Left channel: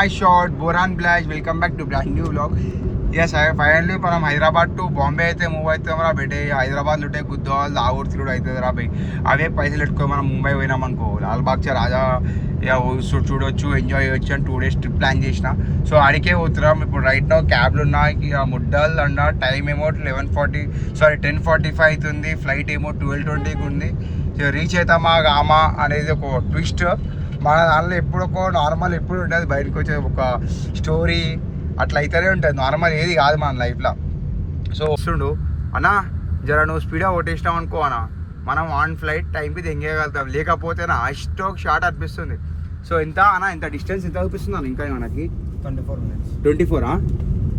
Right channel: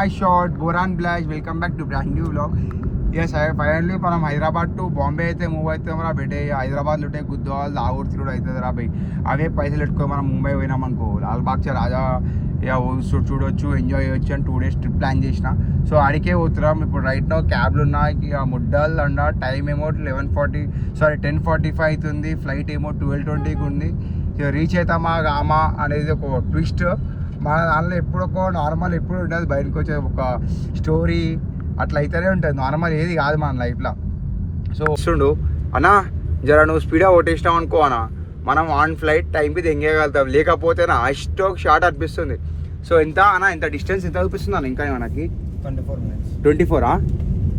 my short Boran Blash. Welcome back to brand new vlog. Yes, I finally from Hyderabad to Bombay అయితే move అయితే మన బెటే హైదరాబాద్ లోటే గుద్దవాల్ లాగూర్ తిరుగుడు అవుతుంది రా భయ్. అవే పైసలు పెట్టుకొని మనం ముంబై పోయినాం అనుకో లాల్బాగ్చా రాజా చూడొచ్చు ఎంజాయ్ చేయొచ్చు అని 2 days ట్రిప్ ప్లాన్ చేసిన. సో అడికే పోతున్నాం ఇప్పుడు. రైట్ నో క్యాబ్లు ఉన్నాయి ఇక ముడ్డల్ అన్న. టైం ఏమో 10:45 అవుతుంది. ఫ్లైట్ ఏమో 12:20కి ఉంది. రీచ్ అవుతామా గామా అనేది ఒక ట్విస్ట్. మన దానిలో ఎప్పుడుకో నార్మల్ ఎప్పుడు ఉండదు, బయటకు వచ్చే ఒక స్టోరీ అట్లా అయితేనే ఉంటుంది. నార్మల్ ఏది కాదు మన లైఫ్లో. సో వస్తుండు అన్నా జర నువ్వు స్పీడ్గా కొట్టేసినావు అనుకో అన్న, మనం ఆన్ ఫ్లైట్ టైంకి తెంగేయగలుగుతాం. లేకపోతే నా స్టోక్ షార్ట్ అనిపిస్తుంది. సో ఎంత అన్న, ఎంత డిస్టెన్స్ ఎంత చూపిస్తుంది అన్న ఇంకా మనకి? 24 minutes.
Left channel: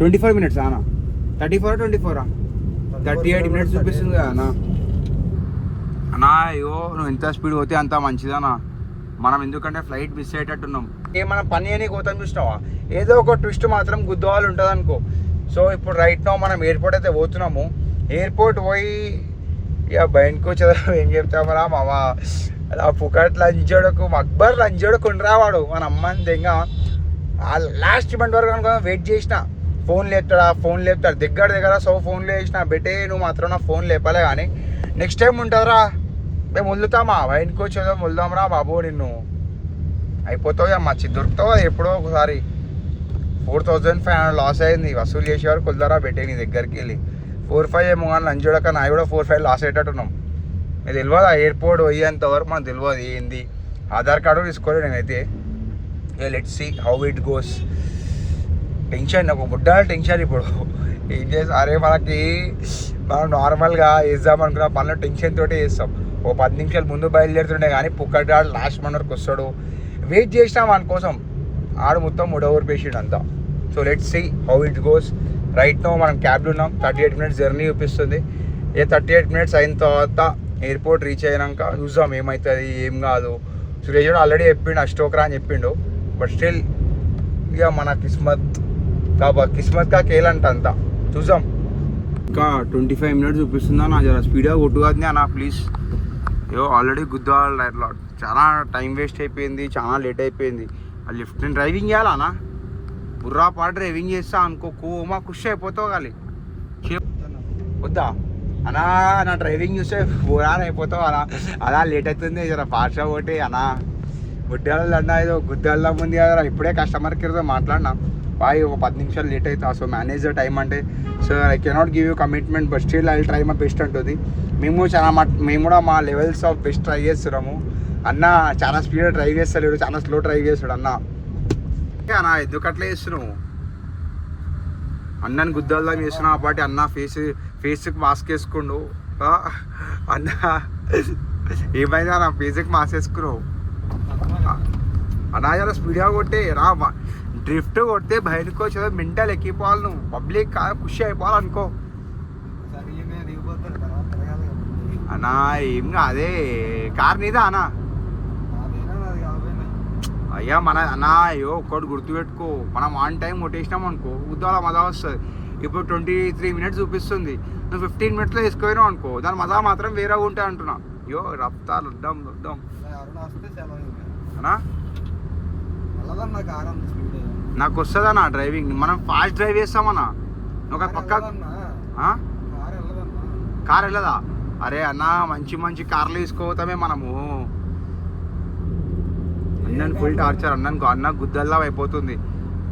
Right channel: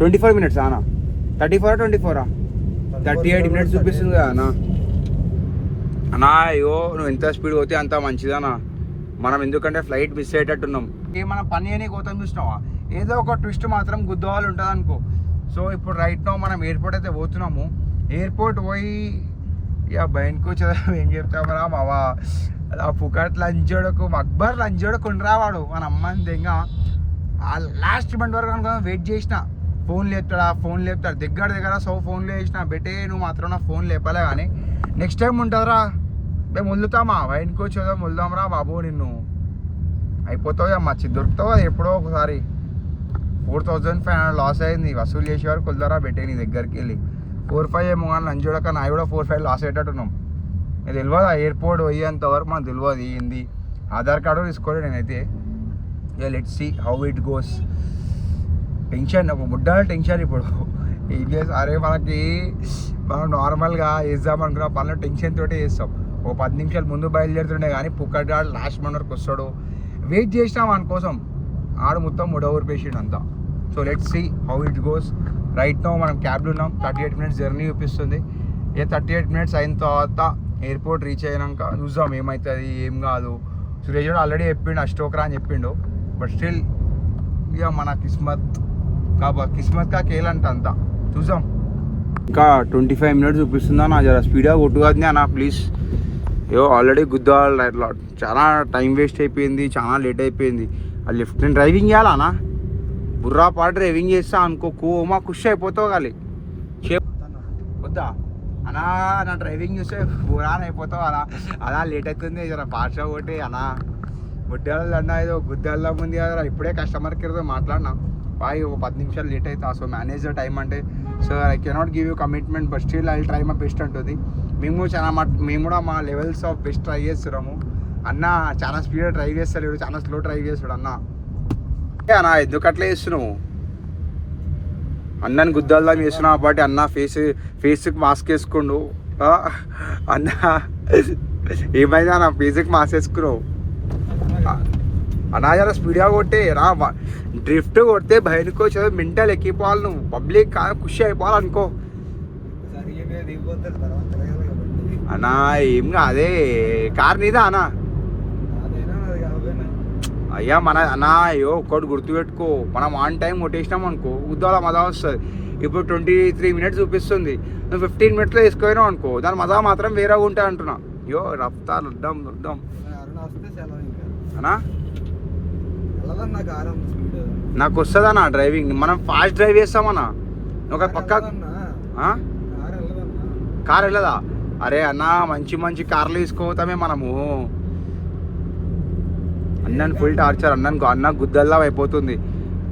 24 minutes అన్న? 34 24 38 minutes చూపిస్తుంది కదా అన్న. అన్నా అయ్యో నువ్వు ఎంత స్పీడ్ పోతే అంత మంచిదన్నా. మనం ఎందుకంటే ఫ్లైట్ మిస్ అయ్యేటట్టున్నాం. మనం పని అని పోతాం చూసినావా, ఏదో ఒక ట్విస్ట్ మాత్రం గుద్దవాళ్ళు ఉంటుంది అనుకో. సో ఇప్పుడు రైట్ నో మనం ఎయిర్పోర్ట్ అయితే పోతున్నాము. ఎయిర్పోర్ట్ పోయి ఇక బయటకు వచ్చేదా ఏం చెప్తామరా మామ, అలా పుకట్ లంచోడకు అక్బర్ లంచోడకు ఉండరావాడు మన అమ్మని దెంగ. ఆ లాస్ట్ మినిట్ వరకు అనుకో వెయిట్ చేసిన, ఫోన్ లేపుతాడు దగ్గర. సో ఫోన్లో వేసిన బెటే నువ్వు మాత్రం నా ఫోన్ లేపలే. కానీ నెక్స్ట్ టైం ఉంటుందిరా, మేము వదులుతామా వైన్కి వచ్చేదో వదులుదాంరా బాబు, నిన్ను అయిపోతావు అమ్మ దొరుకుతావు. అది ఎప్పుడో ఒకసారి 4,500 లాస్ అయింది. వసూలు చేసేవారు కొద్దారా బెట్టే నీ దగ్గరికి వెళ్ళి 4-5 ఏమో కానీ లంచ్ చూడక నా కూడా 4-5 లాస్ అయ్యేటట్టున్నాం. ఇది తెలియదు ఆ ఎయిర్పోర్ట్ పోయేంత వరకు మనకు తెలియదు ఏంది. ఆధార్ కార్డు తీసుకోలేదు నేనైతే. Let's see how it goes. Tension, ఒక బుడ్డ టెన్షన్ ఇప్పుడు. ఏం చేస్తాం అరే, మనం నార్మల్గా వేద్దాం అనుకున్న పనులు టెన్షన్ తోటే వేస్తాం. ఓ 10 నిమిషాలు ముందు బయలుదేరుతుండే కానీ పుక్కడాడు లాస్ట్ మన వరకు వస్తాడు. వెయిట్ చేసినాం మన కోసం, ఆడు మొత్తం మూడోవర్ పేషెంట్ అంతా. So let's see how it goes. Right now మనం క్యాబ్లో ఉన్నాం. 38 minutes జర్నీ చూపిస్తుంది. 38 minutes అయిన తర్వాత ఎయిర్పోర్ట్ రీచ్ అయినాక చూద్దాం ఏమవుతుంది ఏం కాదు. సురేష్ ఆల్రెడీ చెప్పిండు అష్టోకరా అని చెప్పిండు. బట్ స్టిల్ ఇక మన కిస్మత్ కా కేలంట అంతా చూద్దాం. ఇంకా 25 minutes చూపిస్తుందా నా, జర స్పీడ్గా కొట్టుకోవద్దు అన్న ప్లీజ్. అయ్యో ఆల్రెడీ గుద్దాలి, చాలా టైం వేస్ట్ అయిపోయింది, చాలా లేట్ అయిపోయింది. ఆ లెఫ్ట్ నేను డ్రైవింగ్ చేయాలన్నా, బుర్రా పాటు డ్రైవింగ్ చేస్తా అనుకో కోమా ఖుషి అయిపోతావు కానీ వద్దా అన్నా. నా డ్రైవింగ్ చూస్తే బురాన్ అయిపోతావు అన్నా. అలా లేట్ అవుతుంది జర ఫాస్ట్గా కొట్టి అన్నా. గుడ్డలు అన్నా ఏదో గుద్దల్లా ముందు కదా, ఇప్పుడే కస్టమర్ కేర్తో మాట్లాడినా బాయ్ ఒక 10 నిమిషాలు లేట్ అవుతా. సో మేనేజ్ ద టైం అంటే so I cannot give you commitment but still I try my best అంటుంది. మేము కూడా మా లెవెల్స్ ఆఫ్ బెస్ట్ ట్రై చేస్తున్నాము. అన్న చాలా స్పీడ్గా డ్రైవ్ చేస్తలేడు, చాలా స్లో డ్రైవ్ చేస్తాడు అన్న. అన్న ఎందుకు అట్లా చేస్తున్నావు? అన్నని గుద్దాల్దాం చేస్తున్నావు కాబట్టి అన్న ఫేస్కి మాస్క్ వేసుకోండు. అన్న ఏమైందా అన్న ఫేస్కి మాస్క్ వేసుకున్నావు అన్నా? చాలా స్పీడ్గా కొట్టే రా, డ్రిఫ్ట్ కొడితే బయటకు వచ్చేది మెంటల్ ఎక్కిపోవాలి. నువ్వు పబ్లిక్ కాదు ఖుషి అయిపోవాలనుకో అన్నా. ఏం కాదే, కార్ నీదా అన్నా? అయ్యా మన అన్నా అయ్యో ఒక్కటి గుర్తుపెట్టుకో, మనం ఆన్ టైం కొట్టేసినాం అనుకో ఉద్దాల మజా వస్తుంది. ఇప్పుడు 23 minutes చూపిస్తుంది, నువ్వు 15 minutesలో వేసుకుపోయినావు అనుకో దాని మజా మాత్రం వేరేగా ఉంటాయి అంటున్నా. అయ్యో రఫ్తార్ వద్దాం అన్నా. నాకు వస్తుందన్నా డ్రైవింగ్, మనం ఫాస్ట్ డ్రైవ్ చేస్తామన్నా. ఒక పక్క కార్ వెళ్ళదా? అరే అన్న మంచి కార్లు తీసుకోతామే మనము. అన్నని ఫుల్ టార్చర్, అన్న గుద్దల్లం అయిపోతుంది.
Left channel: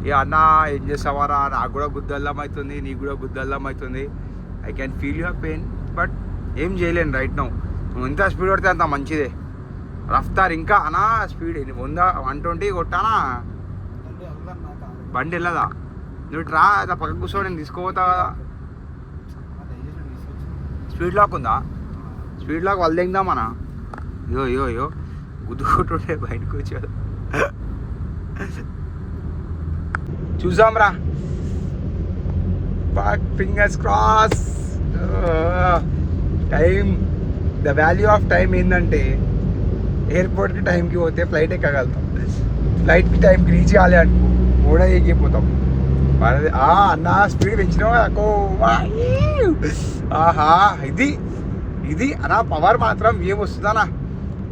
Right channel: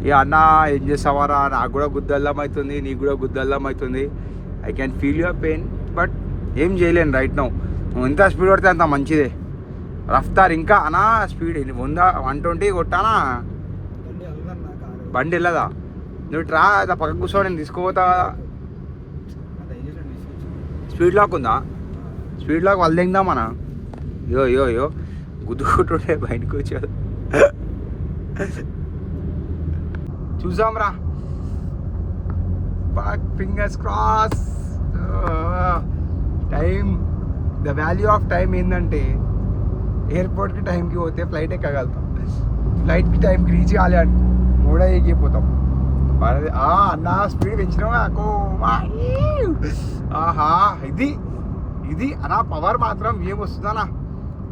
ఇక అన్న ఏం చేస్తావారా, నాకు కూడా గుద్దల్లం అవుతుంది, నీకు కూడా గుద్దల్లం అవుతుంది. I can feel your pain but ఏం చేయలేను రైట్ నౌ. నువ్వు ఎంత స్పీడ్ కొడితే అంత మంచిదే. రఫ్తార్ ఇంకా అన్నా స్పీడ్ 120 కొట్టానా? బండి వెళ్ళదా? నువ్వు రా పక్క కూర్చో, నేను తీసుకుపోతా కదా. స్పీడ్ లాక్ ఉందా? స్పీడ్ లాక్ వాళ్ళు దిందామన్నా. యో గుద్దుకుంటుండే బయటకు వచ్చాడు. చూసాం రా, fingers cross. Time, the value of time ఏంటంటే ఎయిర్పోర్ట్కి టైంకి పోతే ఫ్లైట్ ఎక్కగలుగుతాం, ఫ్లైట్కి టైంకి రీచ్ కాలే అనుకో కూడా ఎక్కిపోతాం. అన్న స్పీడ్ పెంచినావు. ఆహా ఇది అన్న పవర్ మాత్రం ఏం వస్తుందన్నా.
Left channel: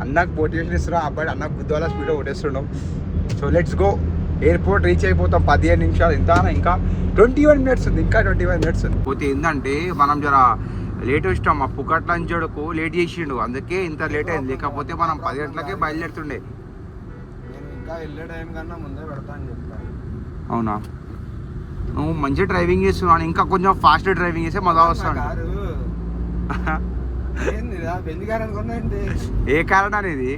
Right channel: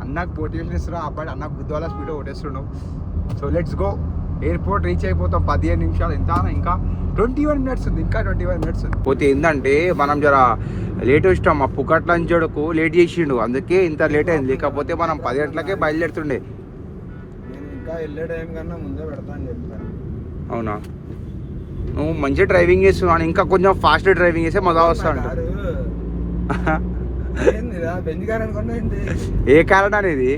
అన్నకు మోటివేషన్ ఇస్తున్నావు అబ్బాయి, అన్నకు గుద్దు వల్ల స్పీడ్గా కొట్టేస్తున్నావు. So let's go. Airport reach అయిపోతాం 15 నిమిషాలు. ఇంకా 21 మినిట్స్ ఉంది. ఇంకా 21 మినిట్స్ ఉంది. పోతే ఏంటంటే మనం జర లేట్ వచ్చాం. ఆ పుకట్ లంచోడుకు లేట్ చేసిండు, అందుకే ఇంత లేట్ అయింది. లేకపోతే మనం 10 గంటలకే బయలుదేరుతుండే. నేను ఇంకా వెళ్ళే టైం కన్నా ముందే పెడతా అని చెప్పాను. అవునా, నువ్వు మంచిగా డ్రైవింగ్ చేస్తున్నావు. ఇంకా కొంచెం ఫాస్ట్ డ్రైవింగ్ చేస్తే మజా వస్తాడు. ఏ కారణం అనేది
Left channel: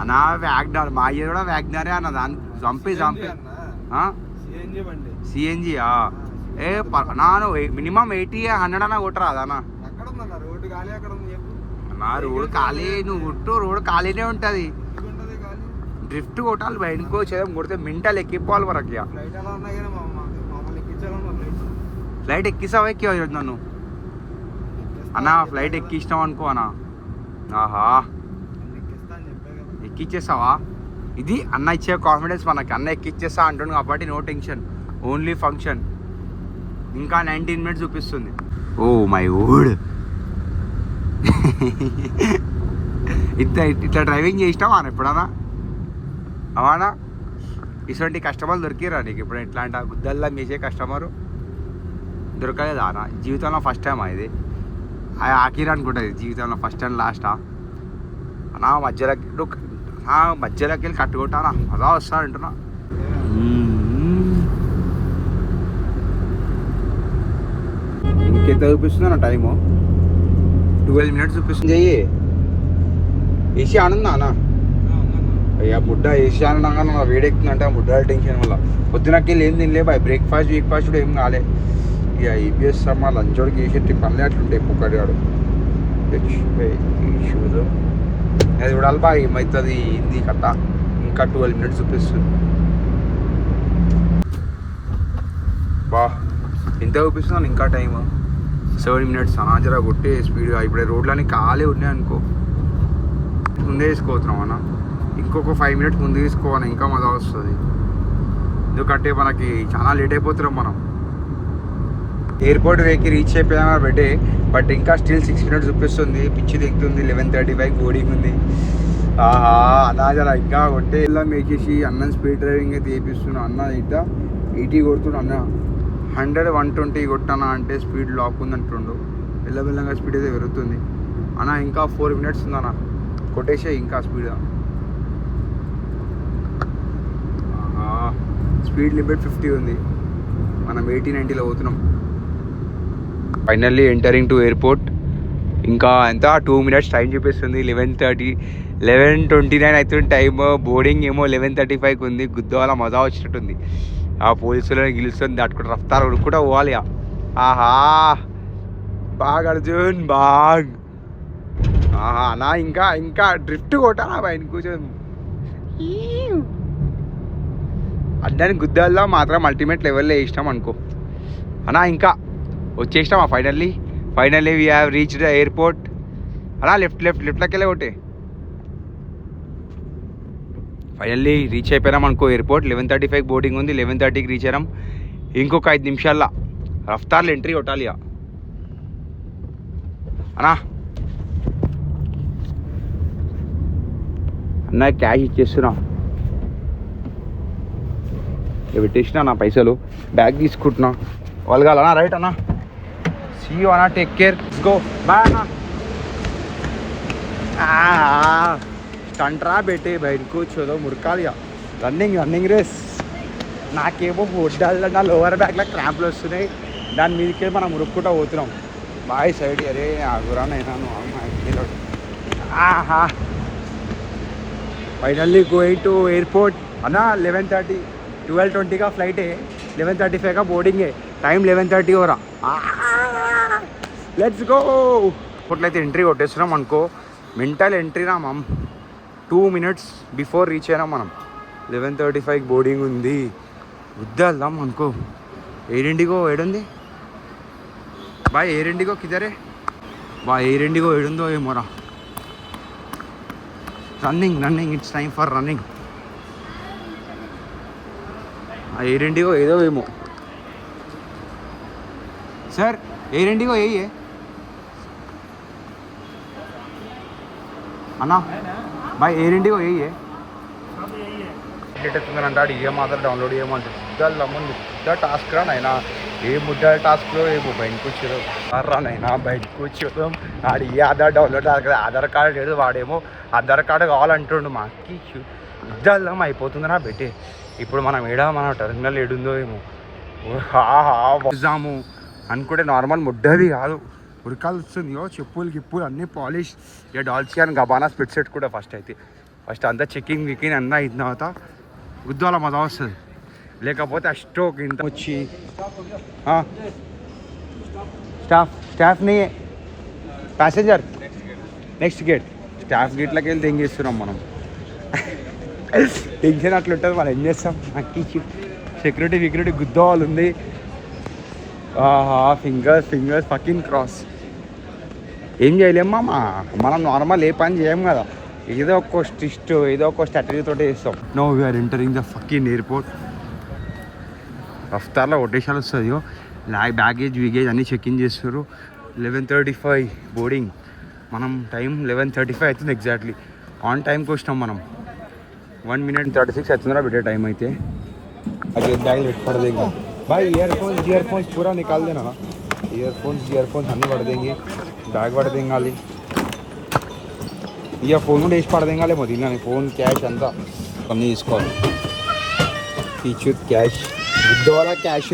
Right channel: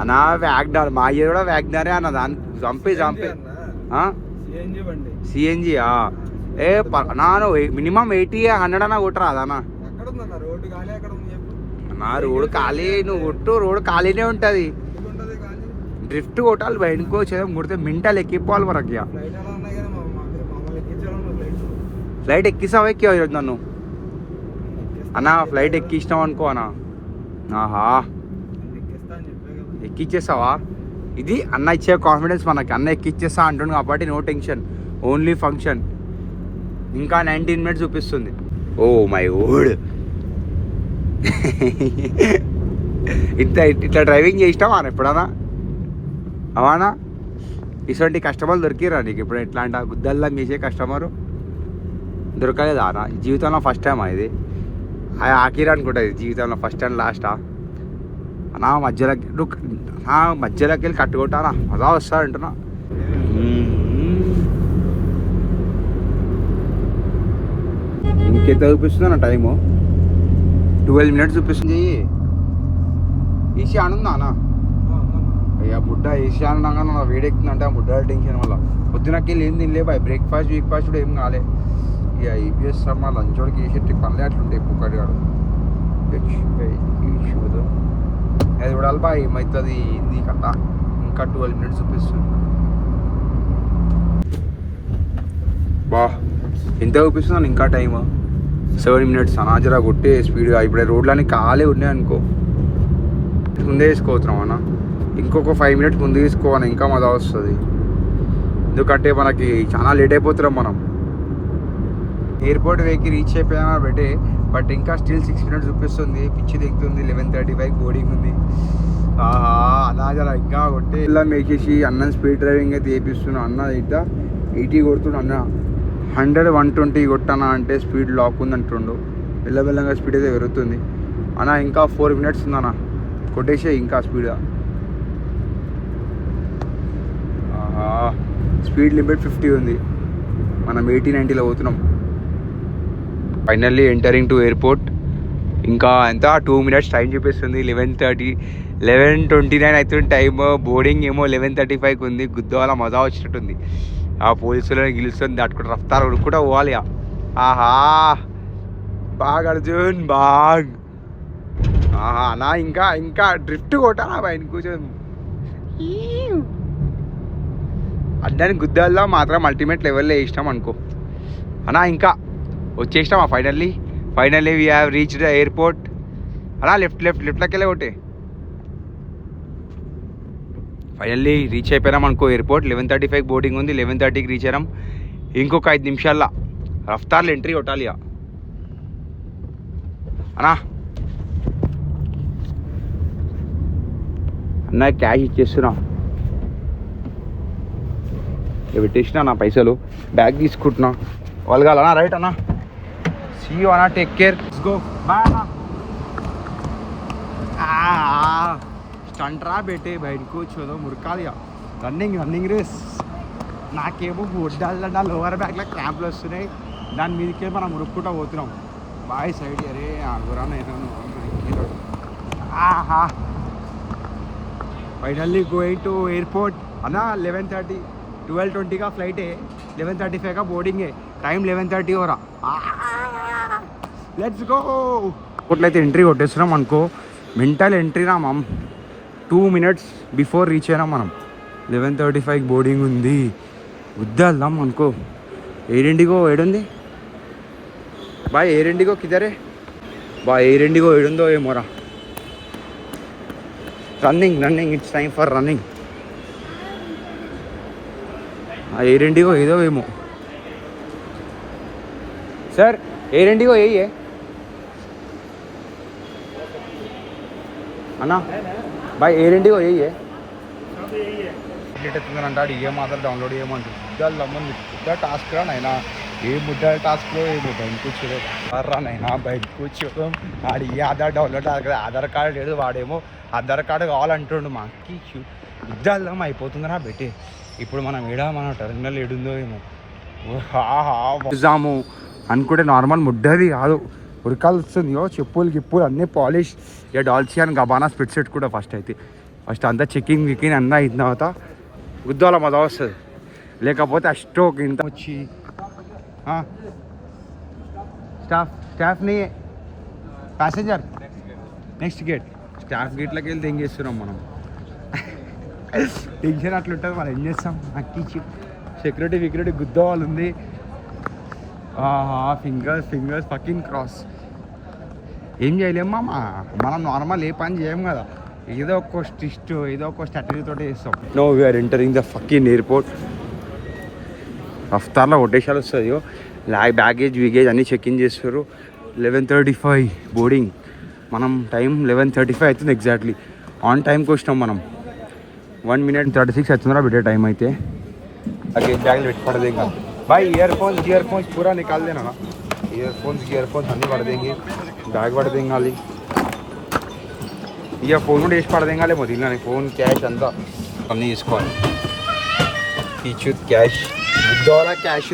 అన్నా? వ్యాగ్నార్ మా ఇయర్ కూడా వ్యాగ్నారే అన్న. దాన్ని చంపి సిఎన్జి ఏ నాను మినిమం 80-100 అన్న కొట్టరా అదన్నా? నా రోడ్ ఖాళీ, నువ్వు కొట్టు, రోడ్ ఖాళీనే ఉంటుంది. డ్రిఫ్ట్ కొట్టాలి, బయటకు వచ్చేది కొడితే మింటాలు ఎక్కిపోవాలి మనకి. ఫ్లైట్ ఎక్కిస్తావా? ఎక్కి నన్ను అన్నా ఫ్లైట్ ఎక్కిస్తాం అనుకో అన్నా. ఆహా, ఎక్కిచ్చేస్తావా? ఇది అన్న ఇచ్చే కాన్ఫిడెన్స్ మనకి. అన్న ఎక్కిచ్చేస్తా అంటుండు కాబట్టి నో టెన్షన్, ఓన్లీ ఫంక్షన్. ఇంకా 19 మినిట్స్ చూపిస్తుంది. ఓ మై ఓడ్, ఇట్లా డ్రైవింగ్ చేసినావా ఎప్పుడన్నా? అవానా ఇటువంటి కస్టమర్లు దొరికిరా నీకు ఇప్పుడు? ఎట్లా అంట గుద్దల్లా మీసే కస్టమరు దొరకలేదా అన్న జీవితంలో? ఫస్ట్ టైం ఇది ఆఖిరా అనుకుంటుంది జీవితంలో, ఫస్ట్ అండ్ లాస్టా? నా మధ్యలోకి వెళ్ళి కట్టుకుంటానా, అలా వస్తాడంటున్నా. ఇంకెంత చూపిస్తుంది నా టైము? 12 మినిట్స్ చూపిస్తుంది. చెయ్యి ఏసీ ఆనందా అన్న? అయ్యా బుడ్డ ఏసీ ఆనందంగా నా వేడెక్కుతుందంటే ఆ బుడ్డ టెన్షన్ వల్ల పొద్దునకి ఏం తినలే బాయ్. బ్రేక్ఫాస్ట్ కూడా ఏం కాలే. ఇక ఈబీఎస్ మా లంచోడికి వేసేటి పనులు అట్లుంటాయి. పుక్కడిగాడు షూస్ అది చూడాలి బా ఏమవుతుంది ఏంది కట్ట. ఇంకా 12 మినిట్స్ చూపిస్తుంది. బా ఎంత చూపిస్తున్నాను? ఇంకా టైమ్ 7 మినిట్స్. అనాజరా కొట్టే స్పీడ్గా. ఇప్పుడు రోడ్లన్నీ ఖాళీ ఉన్నాయి అనుకో, ముందే వేసుకోవచ్చున్నాం అన్న. ఇంకొక 5 మినిట్స్ ముందు తీసుకోవాలి, ఇంకా మజా వస్తుంది. ఎందుకంటే మనకి చాలా లేట్ అయిపోతున్నాం మనం. ఎయిర్పోర్ట్ వేకి రీచ్ అయిపోయాం కాబట్టి, బట్ ఇంకా స్టిల్ 6 మినిట్స్ చూపిస్తుంది. పిచ్చి దిగుతుంది. 11:35 బోర్డింగ్ ఉంది. ఆహా అనాజరా ఇంకా కొట్టే ఇలా మేకేసి అన్న స్పీడ్ డ్రైవింగ్ అయితే వేపిస్తున్నాను. అన్న ఇట్లా 80 కొడుతున్నా అన్న. 100-120 కొట్టానా అంటే స్పీడ్ లాక్ ఉంది అంటుండు. వెళ్ళగా స్పీడ్ అయితే పెరుగుతుంది అన్న. ఇంకా 4 మినిట్స్ ఉందన్న, కొట్టేసే ఇంకా స్పీడ్గా. స్పీడ్ లిమిట్ 50 ఉంది, మనం 80-90లో పోతున్నాం. Finally entering to airport. ఇంకా ఎంత 2 మినిట్స్ టైం చూపిస్తుంది. 11:29 అవుతుంది టైమ్. బోర్డింగ్ ఏమో 11:35 ఉంది. గుద్దవాల మజా వచ్చినట్టుంది. ఆ పోలీసులను గెలుస్తుంది దాటుకుంటూ రఫ్తారు కూడా పోవాలి. ఆహా బాగ్ అర్జున్ బాగ్. ఆహా నా ఇంకా డ్రిఫ్ట్ కొట్టాలా బయట కూర్చొని. అడ్డానికి గుద్దల్లో మాత్రం అల్టిమేట్ లెవెల్లో వేసినాం అనుకో అన్నా. ఇంకా వచ్చేసినామా finally we have reach the airport. అలా లెఫ్ట్లోకి వెళ్ళే ఒకటి. ఫైనల్లీ రీచ్ అయిపోయినాం అనుకో ఎయిర్పోర్ట్. 11:35 బోర్డింగ్ ఉంది. 11:30కి రీచ్ అయినాం. ఇంకొక 5 నిమిషాల్లో రఫ్తార్లు ఎంట్రీ కొట్టాలి అన్నా. అన్న క్యాష్ ఇచ్చేస్తున్నా, పెట్టేసిన నా పైసలు. బ్యాగ్ తీసుకుంటున్నా. వాళ్ళు కావాలన్నా రైట్ అన్నా. సీ యూ అన్నా, take care, let's go, bye అన్నా. స్టంట్రా పెట్టి బయట కూర్చోదో మురకాలి. Running race. నాకేమో వడ్డాలి, నా లోవర్ బ్యాగ్లో క్రాంప్లు వస్తున్నాయి. దాని మీదకి మనం మురుక్కుంటూ పోతున్నాం. బాయ్ సైడ్. అరే ఆగురానైనాను. ఆహా ఫైనల్లీ గోయింగ్ టు ఎయిర్పోర్ట్ అన్నా. 11:30 12:20గా ఫ్లైటే, 11:35గా బోర్డింగే. Time 11:30 Vora. Let's go. ఎయిర్పోర్ట్లో ఎంట్రీ కొట్టేస్తున్నాం అనుకో. మెంటల్ ఎంట్రీ రా మమ్. 2 మినిట్స్ బిఫోర్ రీచ్ అయినాం మనం. 11:35 బోర్డింగ్ ఉంది. వద్దాం అనుకో. ఎయిర్ ఇండిగో ఏడుంది బాయ్? ఎయిర్ ఇండిగో కిదరే బాయ్? ఎయిర్ ఇండిగో ఏడుందో ఏమోరా. Running it's time for running. Air IndiGo ఏదో ఏమో. సార్ ఎయిర్ ఇండిగో ఏ అన్నా? బాయ్ ఎయిర్ ఇండిగో ఏ లేట్ అవుతుందని అంటాడు. ఏ మాత్రం డౌన్లోడ్ చేయమంటాడు. ముద్దలమ్మ ముద్ద టాస్క్ రా నైనా. ఏ ముద్ద టాస్క్లో ఏమో బయట కూర్చోరు రా నైనా. బయట కూర్చోదాం ఆడు ఏ ఆధార్ డౌన్లోడ్ ఆధార్ కార్డు లేదు. వాడేమో ఆధార్ కార్డు కావాలంటుండు. మాకి ముద్దలమ్మ అయిపోతుంది నా బెట్టే. ఇప్పుడు మనం మన టెర్మినల్ ఏడుందో ఏమో చూసాము అనుకుంటే నార్మల్ ముద్దది కాదు, ఉరకాల్సి వస్తుంది. చెప్పులు గిప్పులు అన్నీ పాలిష్. ఇక డాల్సియన్ గబానా స్పిట్ సెట్ కూడా ఫస్ట్ అంతా చెకింగ్ వికింగ్ అంతా అయిన తర్వాత గుద్దాల మజా వస్తుంది. లేకపోతే అష్టోక్ ఇంత వచ్చి స్టాఫ్ని ప్యాసింజర్ నెక్స్ట్ గేట్ స్టాఫ్ గేట్లోకి వెళ్ళి తెంగేస్తున్నాం మనం. టెన్షన్ అట్లుంటుంది. మనం ఏం చేస్తాం? అక్కిచ్చి సెక్యూరిటీ గుద్దవాళ్ళు ఉంది. Fingers fucking cross. ఏం చేయలేమ్మా. మనం నార్మల్ ఏ పని చేయం కదా. ఏదో ఒక స్టిస్ట్ ఏదో ఒక స్ట్రాటజీ తోటి చేస్తాం. No we're entering the fucking airport. రఫ్తార్లో కొట్టేసాలు వస్తుంది. బ్యాగేజ్ విగేజ్ అన్నీ చెక్ ఇన్ చేస్తారు. 11:35 బోర్డింగ్. మనం టైం 11:35 అవుతుంది ఎగ్జాక్ట్లీ. ఆన్ టైంకి వచ్చినాం మనం. 1:36 అవుతుందా బిడ్డ టైం అయితే. అదే బ్యాగ్లో పెట్టి పడదేం కాదు भाई. ईयरफोन्स पूरा निकाल देना ना. ईयरफोन्स అన్నీ పడదేంగి. బ్యాగ్ పడదేంగాలి. ఇక ఫోన్ కూడా వేసి పడదేంగాలే మొదలు. ఫోన్ క్యాష్ అంతా అన్నీ తీసుకోవాలి. టీచర్ క్యాష్ బుద్ధవాళ్ళ క్యాష్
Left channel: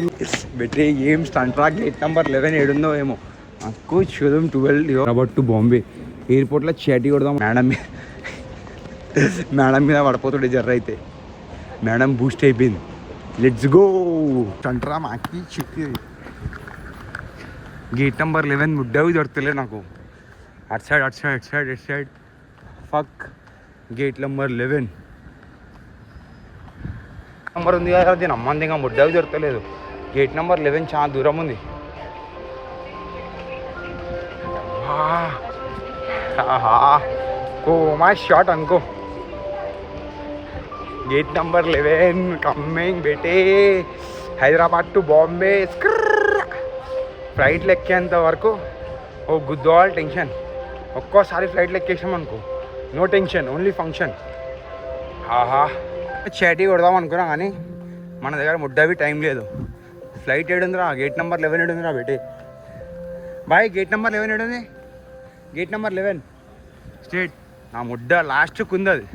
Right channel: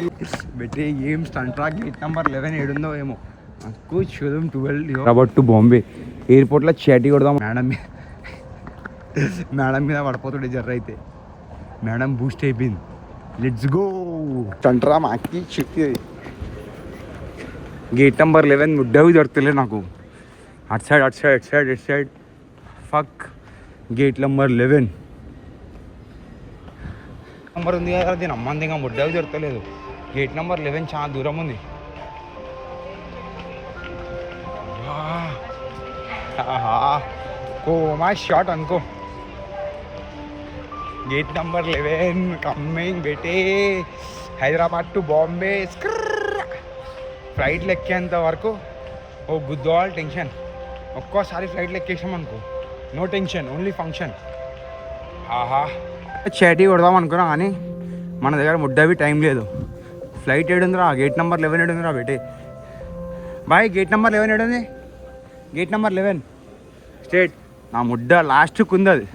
బెట్రీ. ఏం స్టంట్రా. గేట్ నెంబర్ 11 ఏడుందో ఏమో. నాకు చూద్దాం. 12 అబౌట్ టు బాంబే ఎయిర్పోర్ట్లో చాటి కొడదాం. మేడం మీద పడిపోతాడు జర్ర అయితే. మేడం బూస్ట్ అయిపోయింది. Let's go. స్టంట్రా మాకి చెక్కి. గేట్ నెంబర్ 11 ముడ్డవి దొరకలే నాకు. At side fuck. Gate number 11 number ఉంది కదా. దీని అమ్మంది ఇంకా ముడ్డవి దొరకలేదు. గేట్ నెంబర్ 11 చాలా దూరం ఉంది. కోమా షాట్ అనుకో. గేట్ నెంబర్ 11 కమ్మింగ్ బేటే. హైదరాబాద్ టు బాంబే. ఫ్లైట్లు ఎక్కేంత వరకు ఓ గుద్దవాళ్ళు టెన్షన్. ఒక్కోసారి ఫ్లైట్లు ఎక్కేసాం అనుకో నో టెన్షన్, ఓన్లీ ఫంక్షన్. చాటీ కొడదాం అనుకున్నా కానీ మన దగ్గర ముడ్డవి టైం లేదు. ఫ్లైట్ ఏడుందిరా. గేట్ నెంబర్ 11 ఏడుందిరా బేటే. బాయ్ గేట్ నెంబర్ 11 ఏడుంది. గేట్ నెంబర్ 11 స్టేట్. నా ముడ్డ లాస్ట్కి ఉంది. అది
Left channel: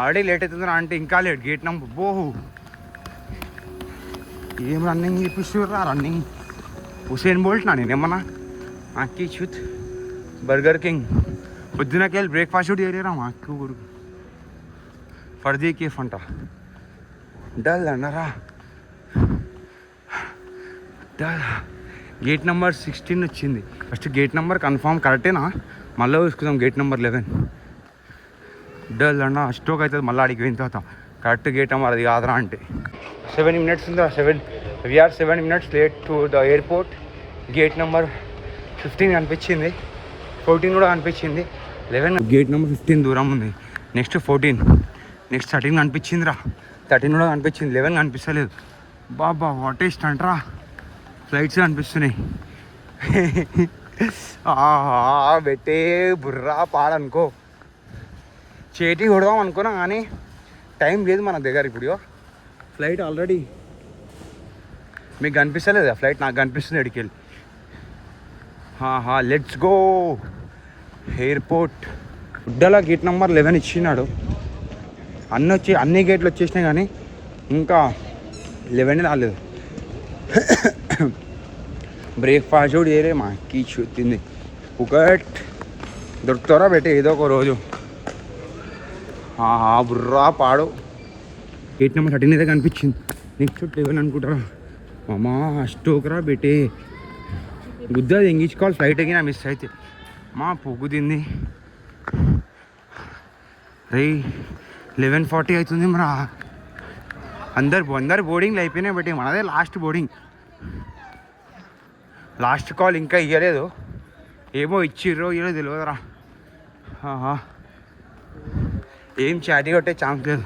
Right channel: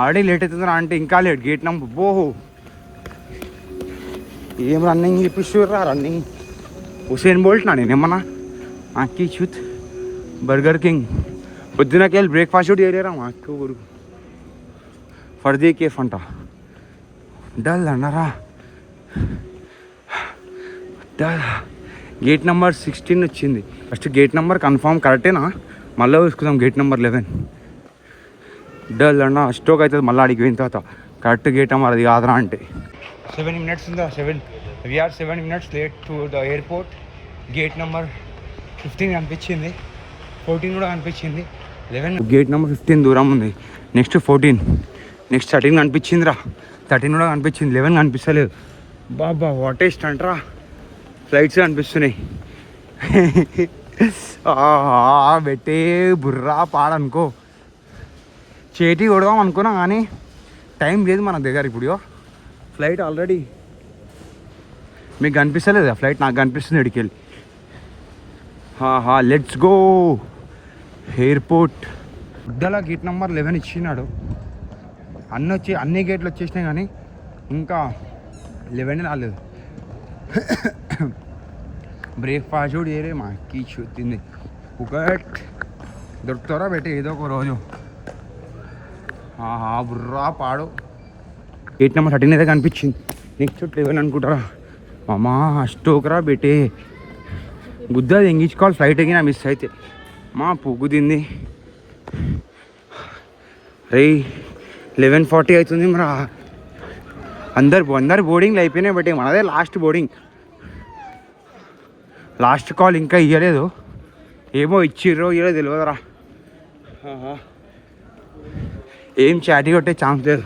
ఆల్రెడీ లేట్ అవుతుందిరా అంటే ఇంకా లేట్. గేట్ నెంబర్ ఓహో ఏం రన్నింగ్ చూపిస్తుర్రా. రన్నింగ్ హుసేన్ బోల్ట్ నా నేనేమన్నా. అక్కి చూత్ బర్గర్ కింగ్ పొద్దునకి వెళ్ళి బ్రేక్ఫాస్ట్ కూడా చేయలేరా మా అక్క ఊరు. ఫర్దీ కేఫ్ అంట. డల్ అన్నారా. డల్. గేట్ నెంబర్ 16 వచ్చింది. ఫస్ట్ గేట్ నెంబర్ కన్ఫామ్ కరెక్టేనా మళ్ళీ చూసుకుందాం. గేట్ నెంబర్ 11 డల్ అన్న. స్టోక్ అవుతుంది మళ్ళీ అడిగి పోయిన తర్వాత. కరెక్ట్ గేట్ నెంబర్ అది కాదురా అంటే 7 minutes ఉందా. 7 minutes late to the airport. Gate number 15 కనిపించింది. 14 కూడా కనిపించింది. 11 గేట్ నెంబర్ 15 దూరం ఉంది. Next 14, next 13 కనిపించిందిరా. 13 కూడా కనిపించింది. 11 కనిపిస్తలేదు. బాబా వాట్ ఈస్ట్ అంటరా. ఫ్లైట్స్ కనిపిస్తున్నాయి. పెట్టే బుర్రా పాడనుకో. చేతి కొడదాం అనుకున్నా కానీ టైం లేదు మన దగ్గర. ఇప్పుడు ఫ్లైట్ ఆల్రెడీ మీకు కనిపిస్తలేదా ఫ్లైట్? నాకు కనిపిస్తుంది ఇడికెళ్ళి. Let's go airport. గుడ్డల గేట్ నెంబర్ 11 ఇచ్చినాడు. అన్ని గేట్లు వచ్చేసినాయి కానీ ఇంకా 11 రాలేదు. బ్రేక్ఫాస్ట్ కూడా చేయలే. మా అక్కి చూస్తుంది. ఒకటి దొరుకుతారా బెట్టే ఏదో ఒక రోజు. బుర్రా పాడు. గేట్ నెంబర్ 13 అయితే కనిపించింది. నెక్స్ట్ 11 అనుకుంటారా. మామా స్టోకరా బెట్టే. గుద్దది ఎంగించుకోవాలి ఫ్లైట్ ఎగినా మిస్ అయితే. మా పువ్వు తింది. రే 11:40 అవుతుంది మరి. అందరు బోర్డింగ్లు అయిపోయినాయి. బట్ మనదే లాస్ట్ బోర్డింగ్. లాస్ట్ కాల్ ఇంకా ఇవ్వలేదు. ఏమో ఇచ్చిర్రో ఇవ్వలేదు తెలియదురా. ఏం చాటీ కొట్టే ఛాన్స్ లేదు.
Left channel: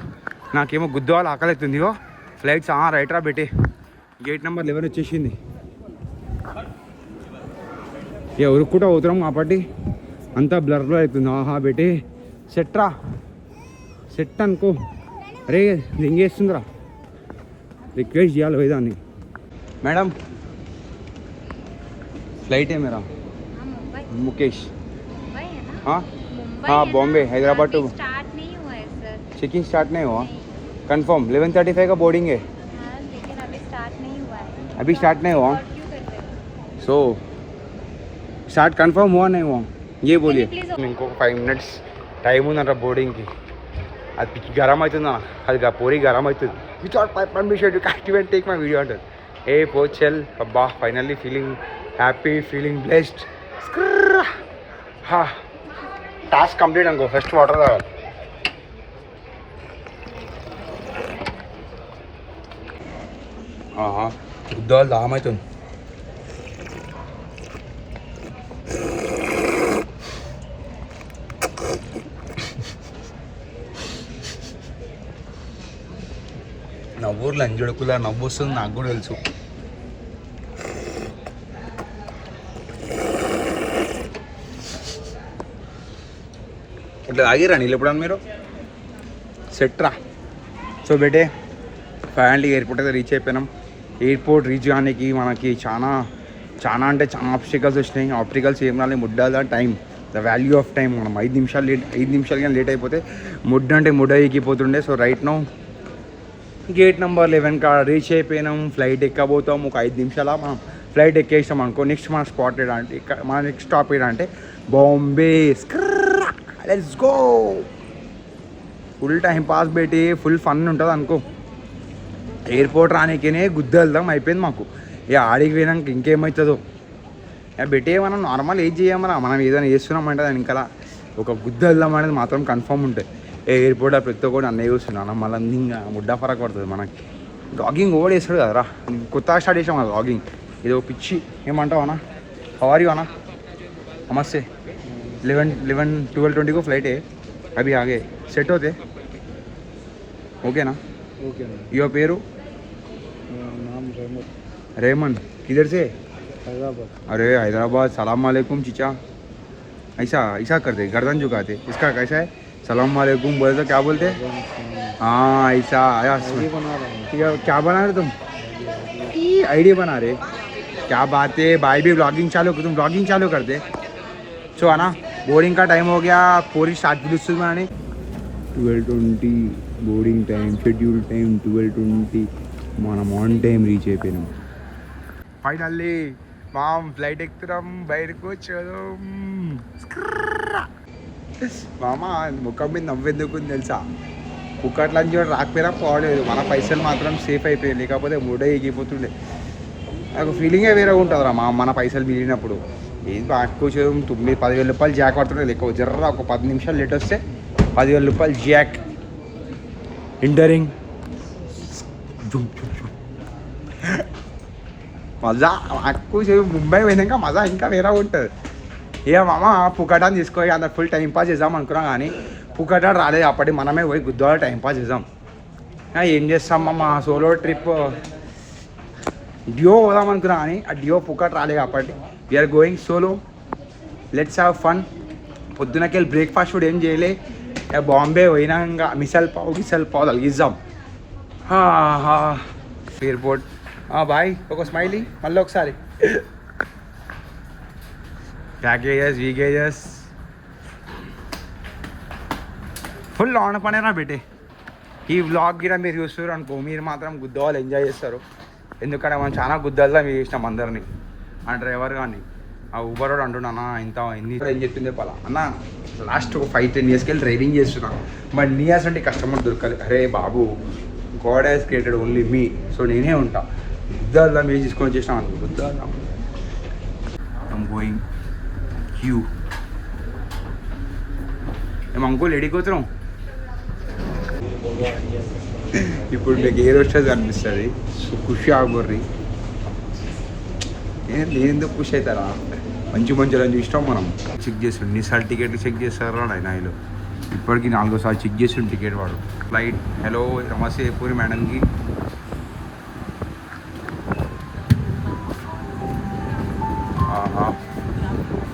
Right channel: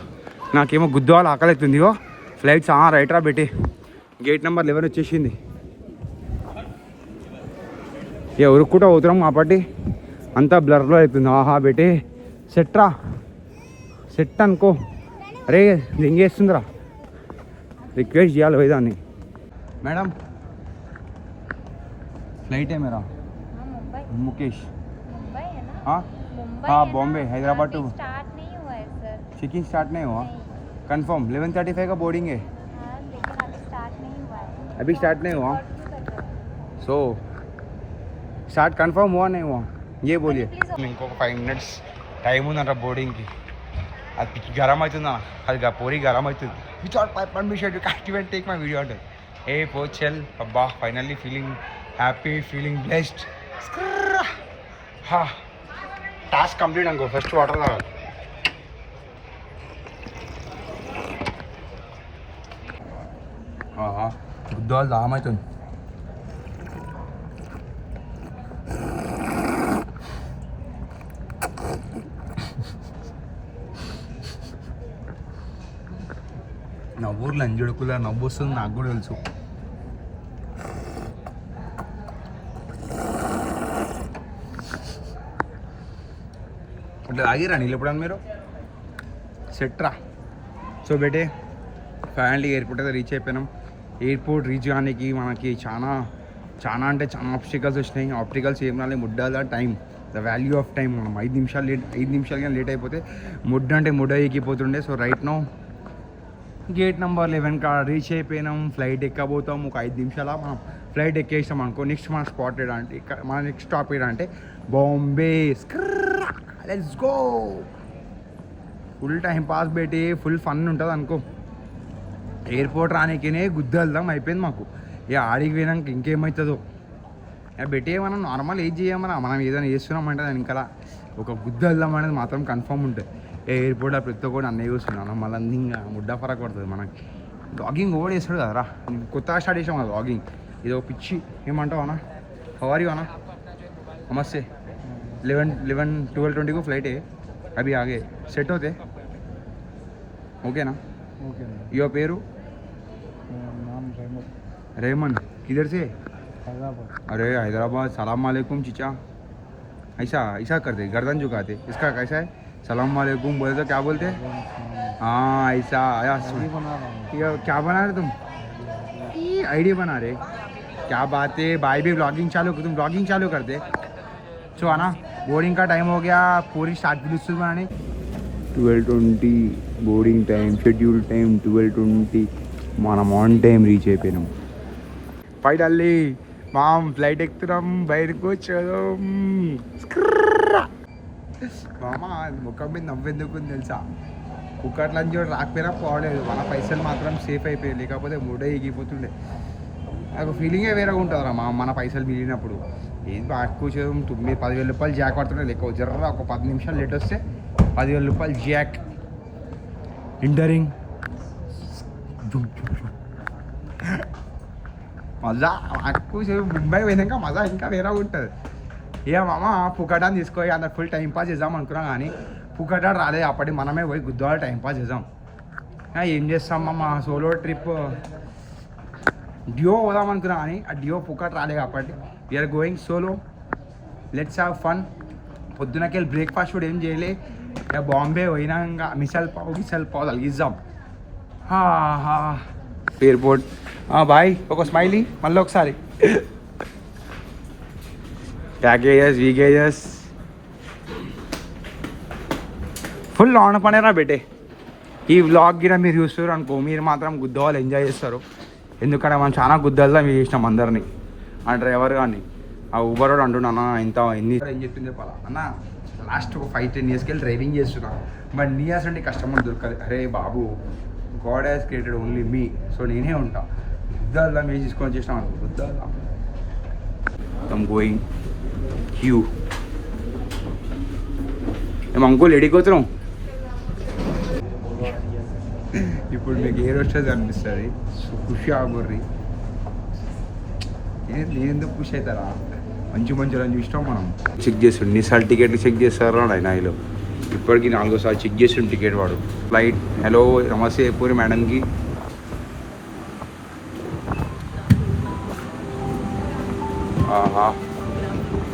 నాకేమో గుద్దవాళ్ళు ఆకలి అవుతుంది. ఫ్లైట్స్ రైట్ రా బెట్టి. గేట్ నెంబర్ 11 వచ్చేసింది. ఎవరు కూడా అవుతున్నాం కాబట్టి అంతా బ్లర్లో అవుతుంది. బెట్టి సెట్ రా. సెట్ అనుకో. అరే రింగేస్తుందిరా, రిక్వెస్ట్ చేయాలి పోయేదాన్ని. మేడం ఫ్లైట్ है मेरा मुकेश. हाँ हाँ बॉम्बे हैदराबाद टू. स्टार्ट नहीं हुआ है सर. चेकिंग स्टार्ट नहीं हुआ. कंफर्म 11:35 का बोर्डिंग है. लेकिन अभी स्टार्ट नहीं हुआ है. अभी स्टार्ट नहीं हुआ. क्यों कर रहे सो स्टार्ट कंफर्म हुआ नहीं हुआ ये बोलिए. Please. ఇంకో 5 minutes టైం ఉందంట బోర్డింగ్కి. అది గరం అవుతుందా, అది పోయి గరం అవుతుంది. Without permission activate take my video అంటారు. ఏ పోచల్ అబ్బా finally feeling happy, feeling blessed. Task complete అనుకో. ఫస్ట్ వాటర్ కావాలి. గుద్దాలు దామవుతుంది. నా ఊర్లో అంజుడుకులా నవ్వు వస్తుంది, నాకు కూడా తెలుసు. ఇట్లా ఆగిరా నీళ్ళు ఎప్పుడన్నా మీరు సెట్ రా. సో బేటే ఫైనల్లీ ఎయిర్పోర్ట్ అయితే రీచ్ అయిపోయినాం. ఎయిర్పోర్ట్ రీచ్ కానికి మనకి చాలా చాలా అంటే చాలా ఆబ్స్టికల్స్ వచ్చినాయి. ఆబ్స్టికల్స్ ఏం రాలి, ముడ్డాల time, the value of time. మనం 5 నిమిషాలు కానీ లేట్ అయిపోతే ముడ్డ అంటే ముడ్డ ఎక్కిపోతుండే. So right now gate number 11 కాడ రీచ్ అయిపోయినాం. ఫ్లైట్ ఎక్కబోతాం. ఒక 5 నిమిషాల మనం ఫ్లైట్ ఎక్కేసాం అనుకో. నెక్స్ట్ మన స్పాట్ అంటే మన నెక్స్ట్ స్టాప్ అంటే Bombay. Let's go. Full time pass పెట్టి ఫుల్ ఫన్ ఉంటుంది అనుకో. ఎయిర్పోర్ట్ రానికేనే గుద్దెళ్దాం అయిపోయింది మాకు. ఇక ఆడికి పోయినాక ఇంకేమవుతుందో ఇక పెట్టి మనం నార్మల్ ఏం చేయమన్నా, మనం ఏదైనా చేస్తున్నామంటే దాని ఇంకా ఒక గుద్దెళ్దాం అనేది మాత్రం కన్ఫర్మ్ ఉంటుంది. ఎయిర్పోర్ట్ ప్రతి ఒక్కటి అన్నీ చూస్తున్నాను. మళ్ళీ ఇంకా ముడ్డా ఫరక్ పడుతుంది మనకి. లాగింగ్ ఓవర్ చేస్తాడు కదరా, కొత్తగా స్టార్ట్ చేసాం కదా లాగింగ్. ఇది ఒక పిచ్చి. ఏమంటావు అన్నా, హౌ ఆర్ యూ అన్నా? నమస్తే. 11-12:20 को फ्लाइट है. अभी आगे सेट होते ओके ना? ओके यो पेरू नाम रेमन. किधर से? हैदराबाद. अरे हैदराबाद. सलाम वालेकुम चीचा. ऐसा ऐसा करते, गर्दन झुकाते. इसका कैसा है? सलाम वालेकुम बोले तो क्या बोलते? हाँ ऐसा आया. क्या बना रहे तुम? आईडी बना रहे. क्या बात है भाई, भी ब्लॉगिंग चालू, तुम ब्लॉगिंग चालू कर दे. सो आना बोर्डिंग का टाइम हो गया. पूरी स्टार्ट पिలుస్తుంది అని 12:20 బోర్డింగ్ టైం. Schedule time 12:20. మనం ఆన్ టైం రీచ్ అయిపోయినాం. ఫైనల్లీ మనం ఫ్లైట్ ఎక్కుతున్నాం. బయటకు వచ్చాం. మామ ముఖం మీద నవ్వెందుకు తెలుసా? పుక్కట్ల నుంచి రాకపోయినా పోలేదు, మన పైసలు మాత్రం సేఫ్ అయిపోయాయి. లేకపోతే మూడే ఎగిపోతుండే. నాకు ఫీలింగే వేరే ఉంటుందిరా మన పైసలు మిగిలినప్పుడు. ఏది కొంచెం 10,000 రూపాయలు జాక్ పడుతుండే. లెక్క జర్ర ఒక 10 నిమిషాలు లేట్ వస్తే 10,000 రూపాయలు జాక్. ఇంటరింగ్ మజా. కొంచెం ముంబై పోయినాక మజా ఇంకా వేరే ఉంటుంది. ఇక మామ పుకటాన్ని తీసుకొని అందరు ఫుల్ టైం పాస్ చేద్దాం అనుకున్నాం, కానీ పుకటా రాలేదు. అప్పటి మనమే పోయి గుద్దాల టైం పాస్ చేద్దాం. ఏం చేస్తాం మా సోలో ట్రిప్ డియో పోదాం అనుకున్నా, కానీ ఆ డియో పుకట్ రాలేదు. అప్పటి we are going solo. Let's have fun. పొద్దునకెళ్ళి బ్రేక్ఫాస్ట్ కూడా ఏం చేయలే. బాంబే పోయినాక మిసల్ పావు తలిగిద్దాం. Airport boy. ఒక స్మైలీ మళ్ళీ ఒకసారి. ప్యాకేజెస్ వీకేజెస్ ఫుల్ ఆన్ పనేరా బెటే. ఈ వ్లాగ్ గిరా మీరు చూస్తారు అనుకో, మీరు మాత్రం గుద్దవాళ్ళు ఎంజాయ్ చేస్తారు. ఎందుకంటే మనం చాలా గుద్దలుగా మీరు చేసినాం అందరినీ. ఆ డ్రైవర్ కానీ ఆ ఊబర్ కూడా అంటున్నా ఇంత ఎన్ని ఏం చెప్పింది చెప్పాలా అన్న. లాస్ట్ ఒక 5-10 yearsకి వెళ్ళి డ్రైవింగ్ చేస్తున్నా, బట్ నీ అంటే కస్టమర్ దొరకాలి. అరే బాబు, God has created only me. So నేనే ఉంటా. గుద్దల్లా మీరు తీసుకొని వచ్చేసినాం అనుకో. గుద్దల్లా ఐమ్ గోయింగ్ క్యూ. మేము అంకుల్ ఎడిపోతున్నాం. ఇప్పుడు మీకు ఏ రోజు అనిపిస్తుంది ఖుషి ఆగుర్రి. ఎందుకు ఖుషి అవుతారా? మంచి అని చూసినాం మనం. చెక్ చేస్తుండే ఎన్నిసార్లు టికెట్లు చెక్ చేస్తారా నాయనలో. ఇప్పటికీ 4వ సార్లు చెక్ చేస్తుండే టికెట్ వాడు. ఫ్లైట్ హలో నమస్తే పూరి మేడంకి.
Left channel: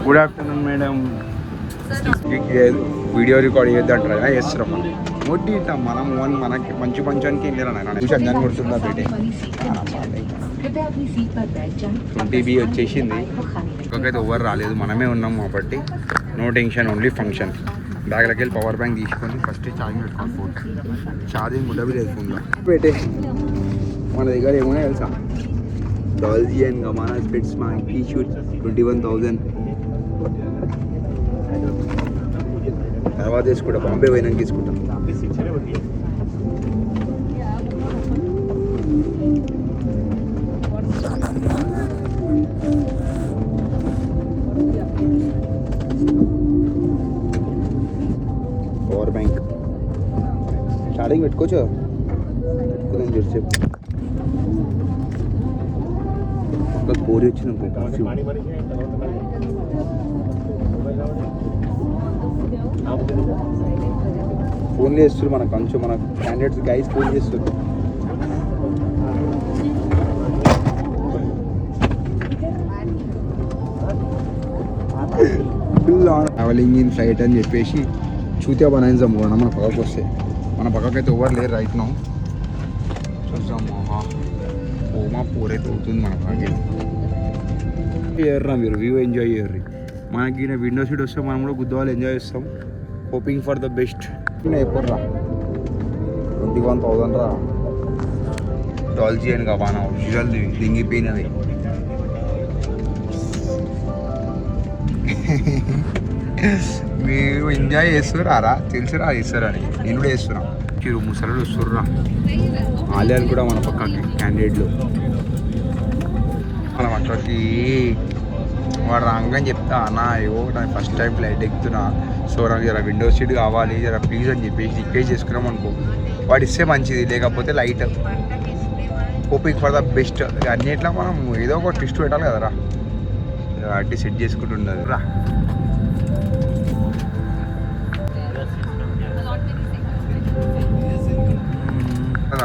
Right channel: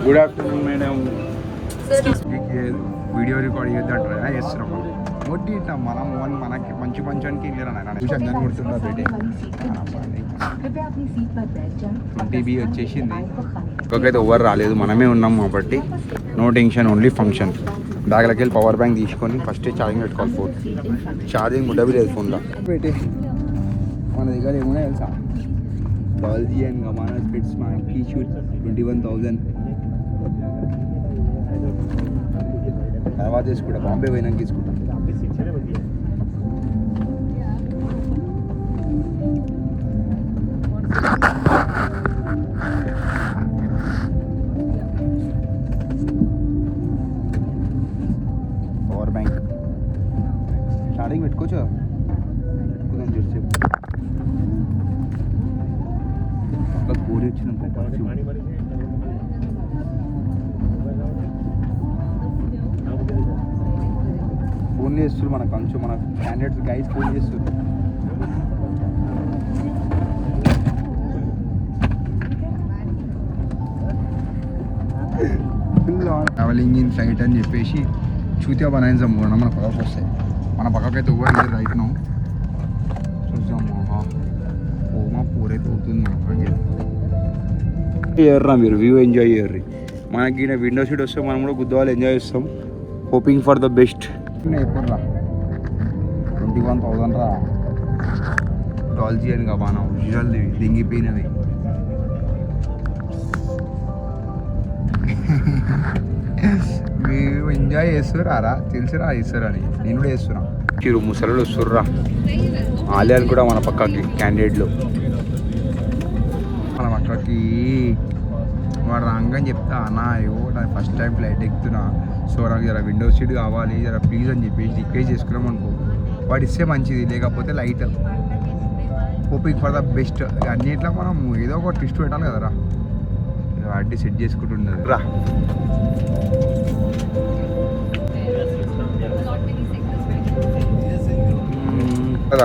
Good afternoon madam. Video record చేద్దాం ట్రై చేస్తున్నాం మనం. మొట్టి ఇట్టాం మనం మనకి మంచి మంచానికి వెళ్ళాను చూసి అంజాన్ని కొడుతుందా బేటే 20B వచ్చేసింది. ఇంకొకైతే ఎవరు రాలేదు, మనమే ఉన్నాం కాబట్టి నో టెన్షన్, ఓన్లీ ఫంక్షన్. బ్యాగ్లోకి వెళ్ళి పవర్ బ్యాంక్ తీసుకొని ఫస్ట్ ఛార్జింగ్ పెట్టుకోవాలి. ఫోన్ ఛార్జింగ్ ఉండవి లేదు ఫోన్లో. బేటే మన దగ్గర ఏమన్నా తెలుసా, డాల్జీ అండ్ గమానా స్పెట్స్ మనకి షూట్ 21,000. తర్వాత తీసుకుంటా, బాంబే పోయినాక తీసుకుంటా. పవర్ బ్యాంక్ ఛార్జింగ్ పెట్టుకోవచ్చు, పెట్టుకుందని చూసి చెప్పు. ఒక కోరి వచ్చింది ఇంకో పర్ఫ్యూమ్. ఫోన్ చేస్తారు మన కొంచెం మన క్యాండిడేట్స్ గైస్ ఫోన్ చేస్తారు. ట్రావెలింగ్ ఇన్ ఫ్లైట్ అని చెప్పేసి చూతే బనాయిద్దాం కూడా మన పక్కకు వస్తే. మన పక్కకైతే ఓవర్ లేరు రైట్ నో. చూద్దాం ఓమా పూరైతే అవుతుంది మన పక్కకి. ఎర్రా మీరు వ్యూ ఎంజాయ్ చేయర్రి. మనకి విండో సీట్ వస్తే మనం కూడా గుద్దవాళ్ళు ఎంజాయ్ చేస్తాం. Hoping for the best. ఎప్పుడు రా 21,000 రా. డాల్జీ అని గబానా ఒరిజినల్ దింగిపోయినవి. మీరు ఎంజాయ్ చేస్తుర్రా, తెలుసురా చేస్తారని. నేను కూడా చేస్తున్నా. మీరు ముసలు వస్తుర్రా. ఆలియాలు కూడా మన పక్కకి క్యాండిడేట్లు. మనం అక్కడికి వాడు రాగానే చెప్తా, అన్న ఏవో నేను ఫస్ట్ టైం ఫ్లైట్ ఎక్కుతున్నా, సో నాకు జర విండో సీట్ కావాలి జర ప్లీజ్ అని చెప్పేసి రిక్వెస్ట్ చేసుకున్నాం అనుకో, వాడు ఇస్తే మంచిది, లేకపోతే light. Hoping for the best. అన్నిట్లో మనం ఏదో ఒక ట్విస్ట్ పెట్టాలి కదరా, వాటి సెట్ చేసుకుంటుండదు రా.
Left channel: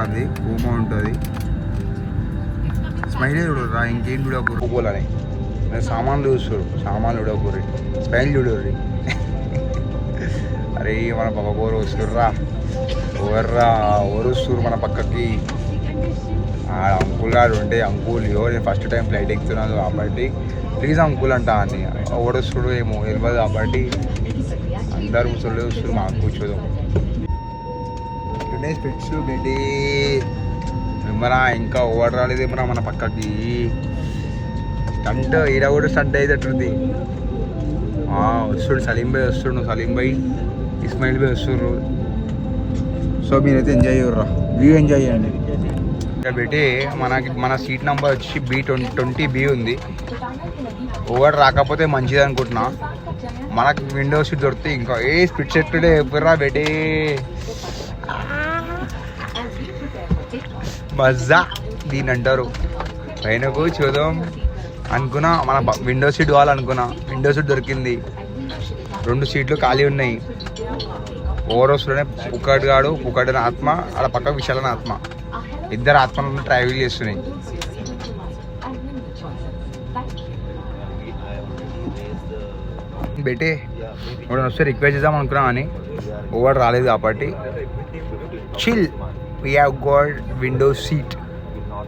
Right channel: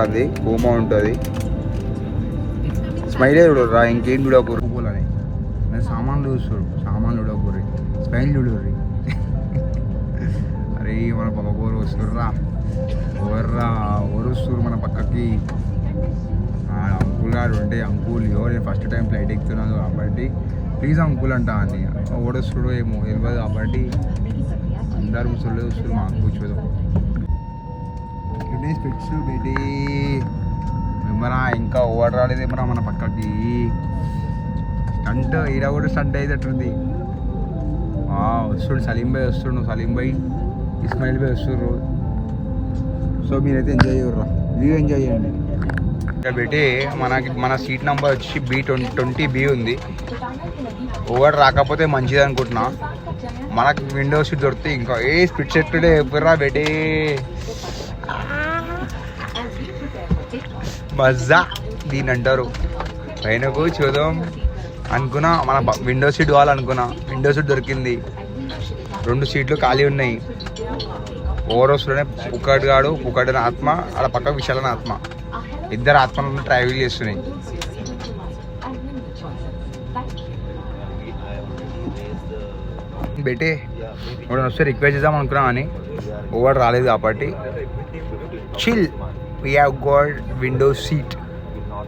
అది ఓమా ఉంటుంది. స్మైలే చూడరా, ఇంకేం చూడకూరు పోలని. సామాన్లు చూస్తారు, సామాన్లు చూడకూరి, స్మైల్ చూడర్రి. అరే మన పక్క కూర వస్తుర్రా, ఎవర్రా ఎవరు వస్తుర్రు మన పక్కకి. అంకుల్ గారు ఉంటే అంకుల్ నేను ఫస్ట్ టైం ఫ్లైట్ ఎక్కుతున్నాను కాబట్టి ప్లీజ్ అంకుల్ అంటా అని. ఎవడు వస్తుడు ఏమో తెలియదు కాబట్టి అందరు ముసలి వస్తారు, మాకు కూర్చోదాం. స్పెట్స్ బేటీ ఏమరా ఇంకా ఓవర్ రాలేదు ఏమరా మన పక్కకి. స్టంట్ ఈడ కూడా స్టంట్ అయ్యేటట్టుంది. వస్తుడు సలీం భాయ్ వస్తుడు, సలీం భాయ్ ఇస్మాయిల్ భాయ్ వస్తుర్రు. సో మీరైతే ఎంజాయ్ చేయర్రా, వ్యూ ఎంజాయ్ చేయండి. ఇంకా పెట్టి మన సీట్ నెంబర్ వచ్చి B20B ఉంది. ఓవర్ రాకపోతే మంచిది అనుకుంటున్నా. మనకు విండో సీట్ దొరికితే ఇంకా స్పిట్ సెట్లే ఎప్పుడురా బేటీ మజా దీని అంటారు. పైన చూద్దాం అనుకున్నా, మన విండో సీట్ కావాలనుకున్నా, విండో సీట్ దొరికింది. 2 సీట్లు ఖాళీ ఉన్నాయి. ఓవర్ వస్తుండే పుక్కడు పుక్కడిన ఆత్మ, అలా పక్క విశాలన ఆత్మ, ఇద్దరు ఆత్మలను ట్రావెల్ చేస్తున్నాయి. బెటే ఇప్పుడు వస్తే రిక్వెస్ట్ చేద్దాం అనుకున్నా అని ఓవర్ రాలేదు కాబట్టి chill we have got window seat.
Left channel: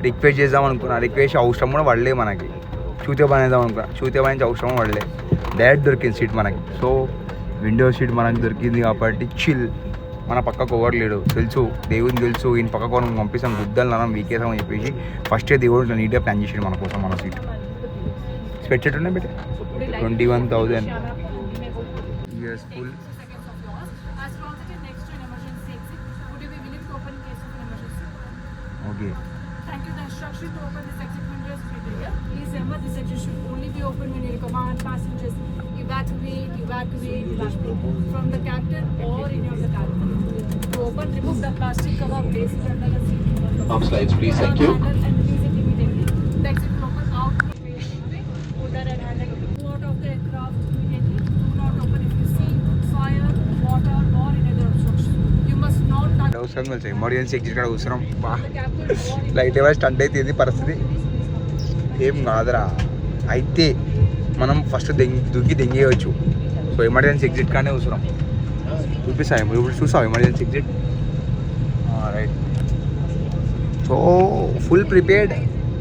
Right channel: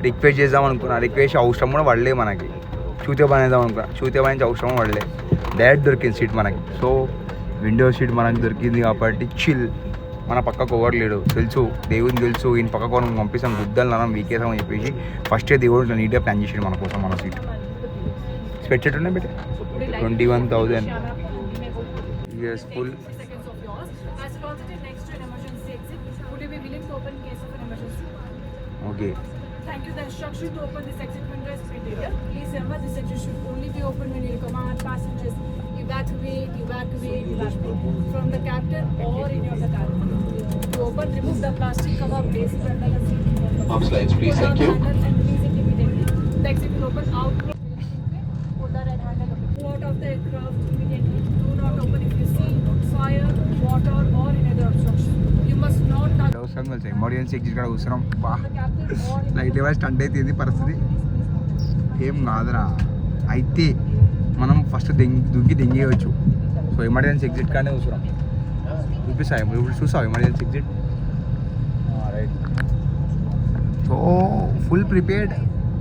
Request చేద్దాం అనుకున్నా, రిక్వెస్ట్ అవసరం కూడా పడలే మనకి. చూతే పనేద్దాం అనుకున్నా, చూతే పని అవసరం పడలే, డైరెక్ట్ దొరికింది సీట్ మనకి. సో విండో సీట్ మనకి దొరికింది కాబట్టి చిల్. మన పక్కకు ఓవర్ లేడు, తెలుసు దేవుని తెలుసు, ఈయన పక్కకు మనం పంపిస్తాం గుద్దలు మనం వీకేసాం అని చెప్పేసి ఫస్టే దేవుడు నీట్గా ప్లాన్ చేసాడు మన కోసం. మన సీట్ స్పెట్ సెట్ ఉన్నాయి బెటే 21,000 years full. Okay. Thank you. The instruction to open this exit window is criteria. Please remember this exit should only be open when you command passengers evacuate from the captain or any of the cabin. To open, remove the plastic cover placed under the seat. Off slides, please. Thank you. And release it immediately. The exit will open out. Go out of the aircraft immediately. Do not open if you see fire, water, or any other obstruction. You must not touch. అవసరం కలిసి emergency exit కూడా అవసరం. Light ఏమైనా stunt అయితే ఇది పరిస్థితి ఏం కాదురా. అయితే మనం ఫస్ట్ దుగ్గి దెంగేయచ్చు. సో ఎమర్జెన్సీ ఎగ్జిట్ కానీ అవసరం. చూపిస్తాను ఇప్పుడు చూసావు emergency exit. So full prepared,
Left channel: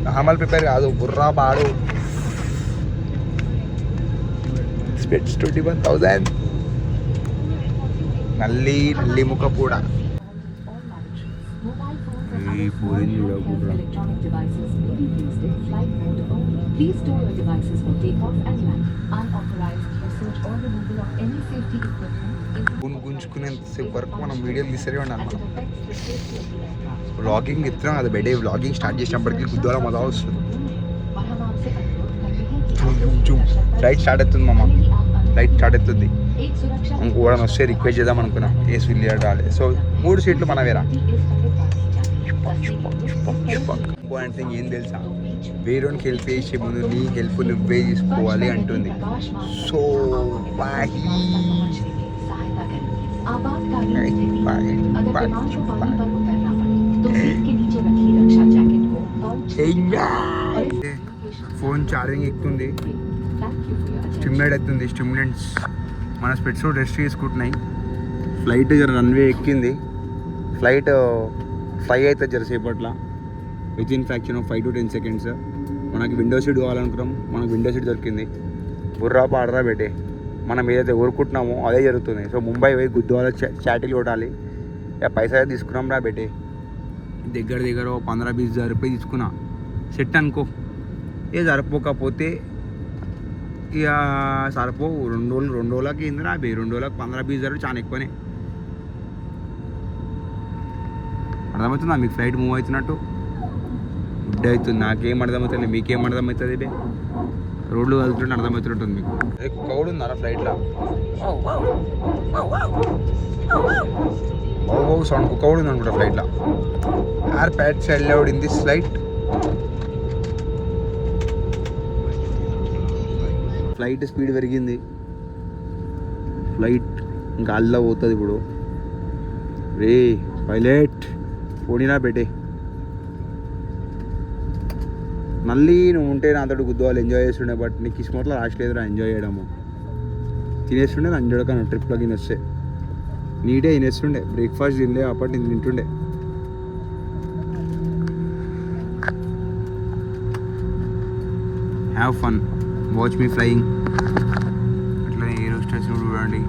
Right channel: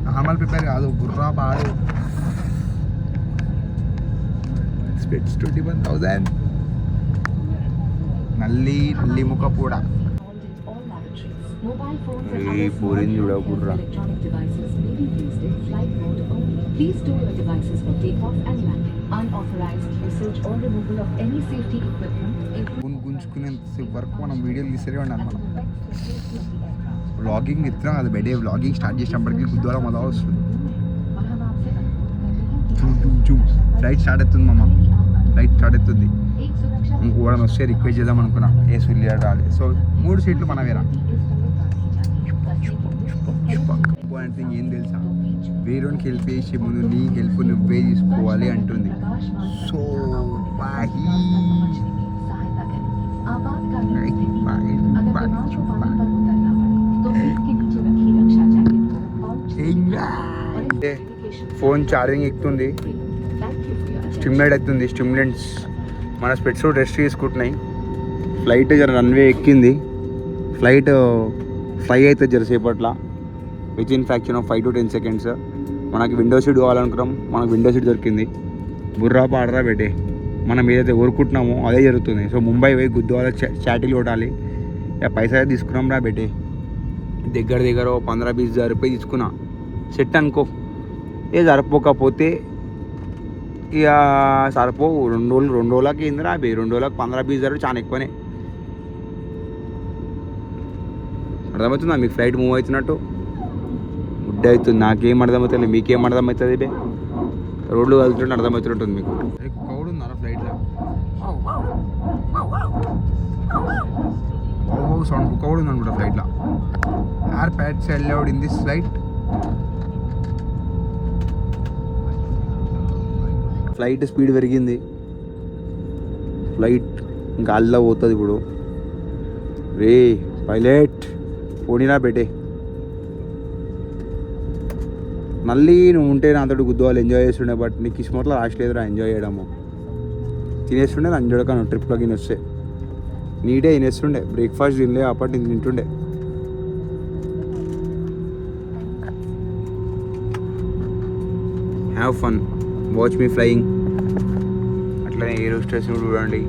normal prepare కాదు, బుర్రా బాడు. స్పెట్స్ 21,000. నల్లి ముక్క కూడా పూరింది చూడ Borra. Electronic devices may be used in flight mode only. Please store your devices for takeoff and landing. Unauthorized usage or removal of any safety equipment is గుంజుకునేంతసేపు వరకు మనం వీడియోలు తీసరే ఉండాలి. మనం వ్లాగింగ్ ఇస్తున్నాం కదా బెడే, వ్లాగింగ్ స్టార్ట్ చేసినప్పటికీ గుద్దాల మజా వస్తుంది. ఫ్లైట్ స్టార్ట్ అవుతుంది మామ, ఫ్లైట్ స్టార్ట్ అవుతుంది. ఇంకో కూడా వస్తే రిక్వెస్ట్ చేద్దాం అనుకున్నా, ఏసీ వెళ్ళి రాలేదు. సో 3 సీట్లు మనవేరా. ఇంపార్టెంట్ థింగ్ ఏం తెలుసా, వేరేకి హెల్ప్ చేసే ముందు నీ హెల్ప్ నువ్వే తీసుకోవాలి అంటుంది. సో ఫోన్ ఛార్జింగ్ ఎక్కుతుంది, స్టిమ్యులేట్ అవుతుంది. స్టిమ్యులెంట్స్ మన స్పెట్స్ రెస్ట్ తీసుకుంటున్నాయి. ఫ్లైట్ జర రన్వే ఎక్కింది. ఫ్లైట్ ఫ్లై అవుతుంది జరసేపట్ల, with in fraction of 5 to 10 seconds. మనకి విండో సీట్ కావాలనుకున్నాం, మనకు విండో సీట్ దొరికింది. బుర్రా పాడరా పెట్టే, మనం ఏదైతే కోరుకుంటున్నామో అదే జరుగుతుంది. సో ముంబై పోయి గుద్దువాల చాటిల్ కొట్టాలి. ఇక పైసా తీసుకున్నాం రా పెట్టే, దగ్గర 15-20 రూపాయలు తీసుకున్నా. సెట్ అనుకో. ఏ సరిపోకపోతే ఇక సరిపోవు. 2 రోజులకి ఏందిరా 2 రోజులకు 15-20 చాలా ఎక్కువనే. అర్థమవుతుందా మీకు ఫ్లైట్ మూవ్ అవుతున్నట్టు? గుడ్ అవుతుంది. నాకేం అర్థమవుతుంది, మీకేం అర్థమవుతుంది? బే రోడ్లు కలుగుతుంటే అర్థమవుతున్నట్టుంది మీకు. కుక్క కూడా ఉందారా ఫ్లైట్లో? సౌండ్ కుక్క కూడా ఉంది అనుకుంటా ఫ్లైట్లో. AirPods allowed in this flight. Flight speed పెరిగింది. ఫ్లైట్ ఇంకా అల్లా పోతుంది ఇప్పుడు. రే పైలట్ పోనీనా పెట్టే. మళ్ళీ నువ్వు ఉంటే నాతో గుద్దువాళ్ళు ఎంజాయ్ చేస్తుండే, బట్ నీకు కిస్మట్లో లాస్ట్ లేదురా ఎంజాయ్ చేయడము. తినేస్తుండే నా ఎంజాయ్ కానీ ట్రిప్లో తినేస్తే నీటే తినేస్తుండే. బ్రేక్ఫాస్ట్ తినలే, అప్పటి నేను తింటుండే. Have fun, watch me flying. అట్లనే ఏరో స్టేషన్ చూడండి,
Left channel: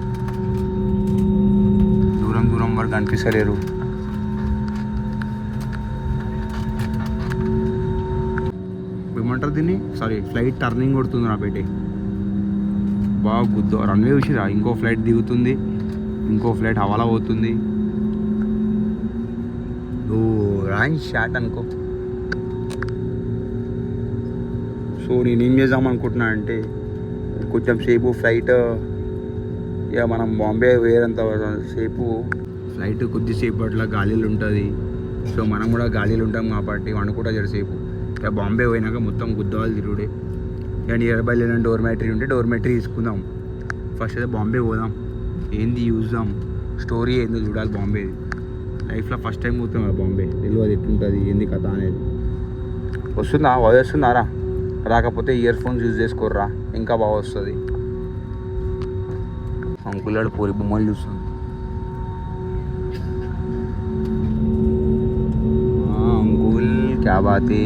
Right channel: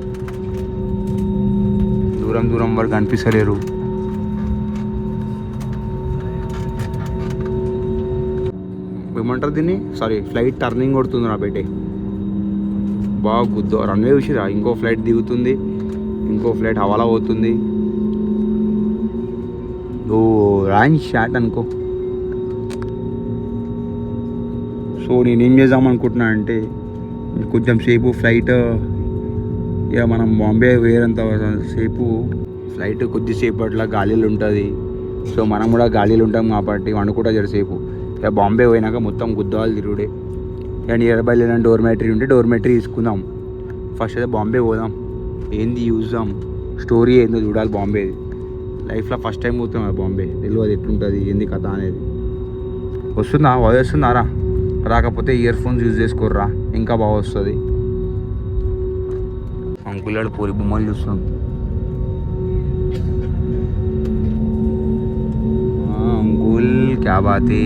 దూరం వరకు కనిపిస్తలేరు. ఏమంటారు దీన్ని, సారీ ఫ్లైట్ టర్నింగ్ కొడుతుంది నా బయటే. బాగా గుద్దు రన్వే చూసిరా. ఇంకో ఫ్లైట్ దిగుతుంది, ఇంకో ఫ్లైట్ హవాలా పోతుంది. ఓ ర్యాంక్ షాట్ అనుకో. సో నేనేం చేద్దాం అనుకుంటున్నా అంటే, కొంచెం సేపు ఫ్లైట్ ఇక మనం బాంబే వేరంత సేపు ఫ్లైట్ కొద్దిసేపు అట్లా గాలిలో ఉంటుంది. సో మనం కూడా గాలిలో ఉంటాం కాబట్టి వండుకుంటా జరసేపు. ఇక బాంబే పోయినాక మొత్తం గుద్దాలు తిరుగుడే. ఇక నియర్ బై లేని డోర్మెటరీ ఉంటే డోర్మెటరీ తీసుకుందాం. ఫస్ట్ అయితే బాంబే పోదాం, ఏంది చూద్దాం, స్టోరీ ఏందో చూడాలి బాంబేది. లైఫ్లో ఫస్ట్ టైం పోతాం కదా బాంబే, తెలియదు ఎట్లుంటుంది ఏంది కథ అనేది. వస్తుందారా? రాకపోతే ఇయర్ ఫోన్స్ యూజ్ చేసుకోర్రా, ఇంకా బాగా వస్తుంది. అంకుల్ పూరి బొమ్మలు చూస్తున్నాం. అంకుల్ క్యా బాతే,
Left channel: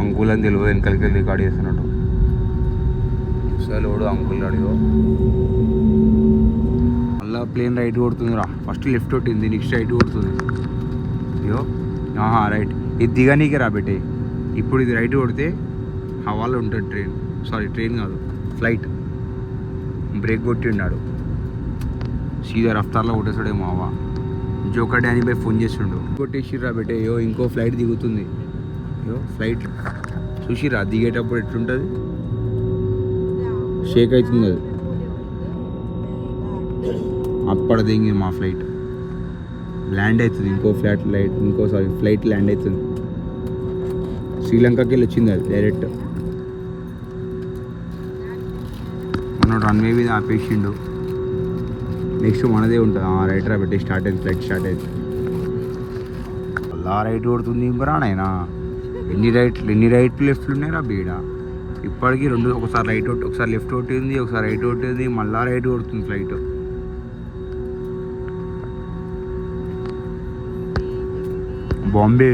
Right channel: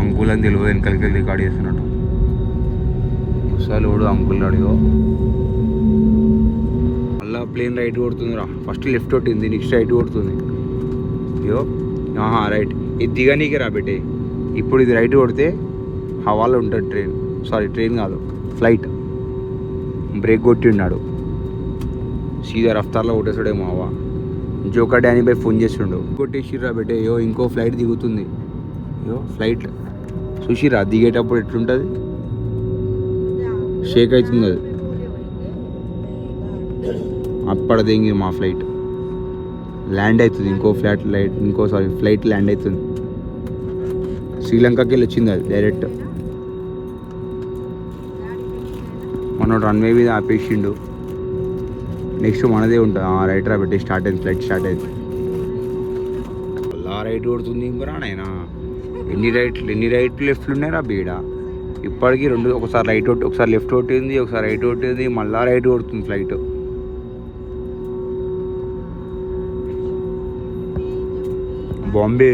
అంకుల్ అని తెలియదు వెనకలికి రికార్డ్ చేస్తున్నట్టు. అసలు అంకుల్ అడిగో. మళ్ళీ ప్లేన్ రైట్ కొడుతుందిరా. ఫస్ట్ లెఫ్ట్ కొట్టింది, నెక్స్ట్ రైట్ కొడుతుంది. అయ్యో రైట్. ఇది దిగనీకి రా పెట్టే. ఇప్పుడు ఇది రైట్ కొడితే హవాలో ఉంటుంది ట్రైన్, సారీ ట్రైన్ కాదు ఫ్లైట్. బ్రేక్ కొట్టి ఉన్నాడు, సీదా రఫ్తార్లో కొట్టేసాడేమో అవ్వ. జోకా డానీ బై ఫోన్ చేస్తుండు, కొట్టేసిర్రా పెట్టే. అయ్యో ఇంకో ఫ్లైట్ దిగుతుంది. అయ్యో ఫ్లైట్ చూసిరా దిగేటప్పుడు ఎట్లుంటుంది, షేక్ అవుతుంది అది. అప్పటి దిగి మా ఫ్లైట్ ల్యాండ్ అవుతుంది. ఫ్లైట్ ల్యాండ్ అవుతుంది. శ్రీలంకకి వెళ్ళి వచ్చింది అది డైరెక్ట్. మనోడు రన్వే మీద ఆపేసిండు. నెక్స్ట్ మనదే ఉంటుంది. రైట్ రా పెట్టి స్టార్ట్ అయింది, ఫ్లైట్ స్టార్ట్ అయింది. అలా రైట్ కొడుతుంది ఇంకరా నాయనా. ఎన్ని రైట్లు లెఫ్ట్లు ఉన్నాయిరా బీడ. ఇప్పటికీ ఒకసారి రైట్ ఒకసారి లెఫ్ట్ కొట్టింది, ఒకసారి రైట్ కొట్టింది, మళ్ళా రైట్ కొడుతుంది flight. Bombay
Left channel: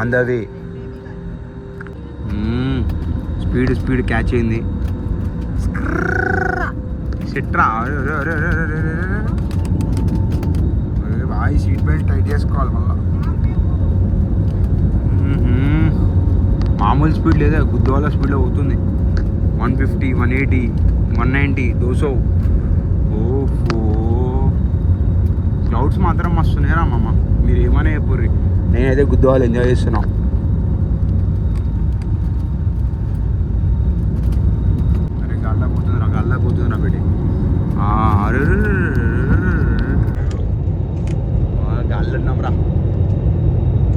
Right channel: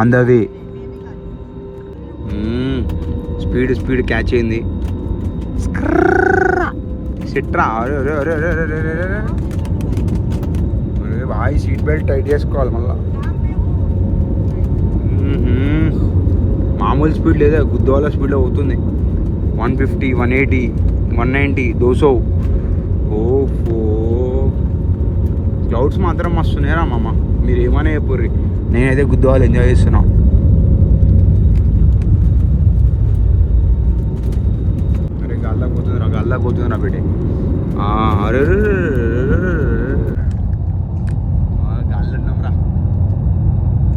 on the way. Speed catch అయింది. సిట్రా బాయ్, సీట్ బెల్ట్ టైట్ చేసుకోవాలి మళ్ళా. మామూలు స్పీడ్ లేదా, గుద్దవాళ్ళ స్పీడ్లో అవుతుంది. 150, 180, 190, 200. ఓహో, క్లౌడ్స్ మాత్రం మస్తున్నాయిరా మామ. మీరు ఏమైనా చెప్పుర్రి, నేనైతే గుద్దవాళ్ళు ఎంజాయ్ చేస్తున్నా. అరే గాల్లా పోతుందిరా బిడ్డే. అరే గాలిలో ఉన్నాం రా.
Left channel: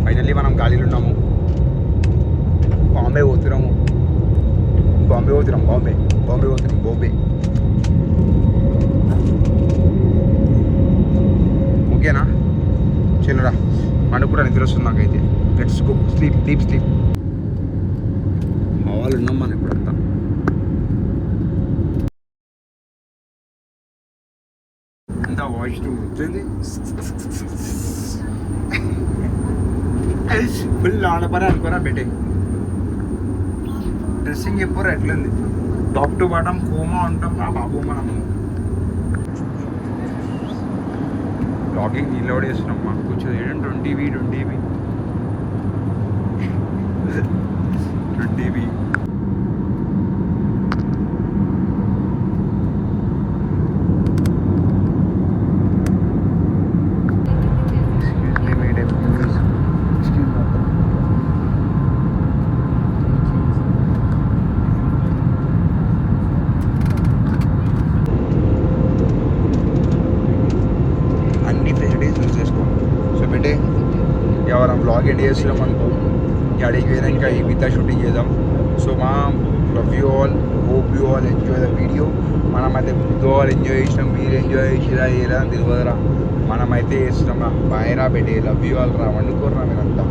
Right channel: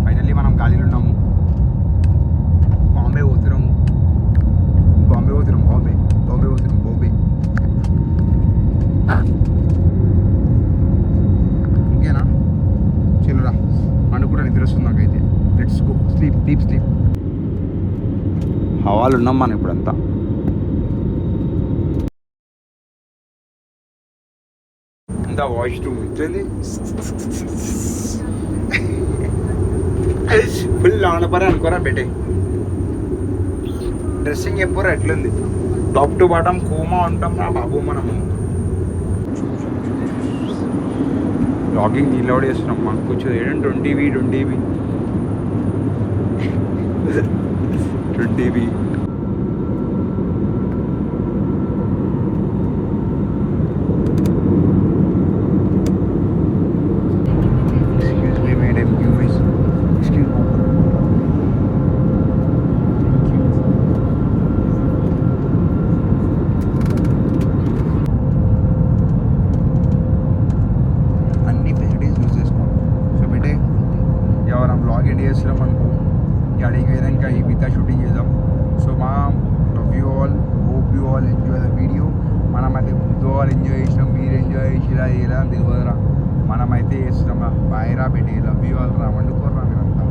ఫైనల్లీ మనం గాలిలో ఉన్నాము. బాంబే పోతున్నాం. బాంబే. ఓకేనా, చలోరా. అనుకుంటా నిద్ర వస్తుంది నాకైతే. Let's go sleep, deep sleep. హవాలు ఉన్నాం మనం ఇప్పుడంతా. అంతా వాయిస్ టు ఉంటుంది. ఫుల్ ఆనపరే అనుకోరా బెటే. డ్రెస్సింగ్ ఎప్పుడు ఎట్లుంది, టాప్ టు బాటమ్ కూమా ఉంటాం నా బాబు మనము. లాగింగ్ డీలోడ్ చేస్తున్నాం. మాకు కొంచెం 20 అన్ని ఫెసిలిటీస్ యూజ్ చేసుకోండి. సో బెటే ఎవరైనా బ్లాగ్ ఎండ్ చేస్తున్నాం అనుకో, అడిగి వేరే ఇంకా ఈ మిగతా షూటింగ్ చేద్దాం. సో మా love you all, hope you all enjoy the video. మనమైతే గుర్తు ఆల్ ఎంజాయ్ చేసినాం. మీరు ఎంజాయ్ చేసిరా చేయరా అని తెలియదురా, మనమైతే చేస్తున్నాం రా. బాయ్ రా బెటే, లవ్ యూ ఆల్ రా. వండుకోర్రా మీరంతా.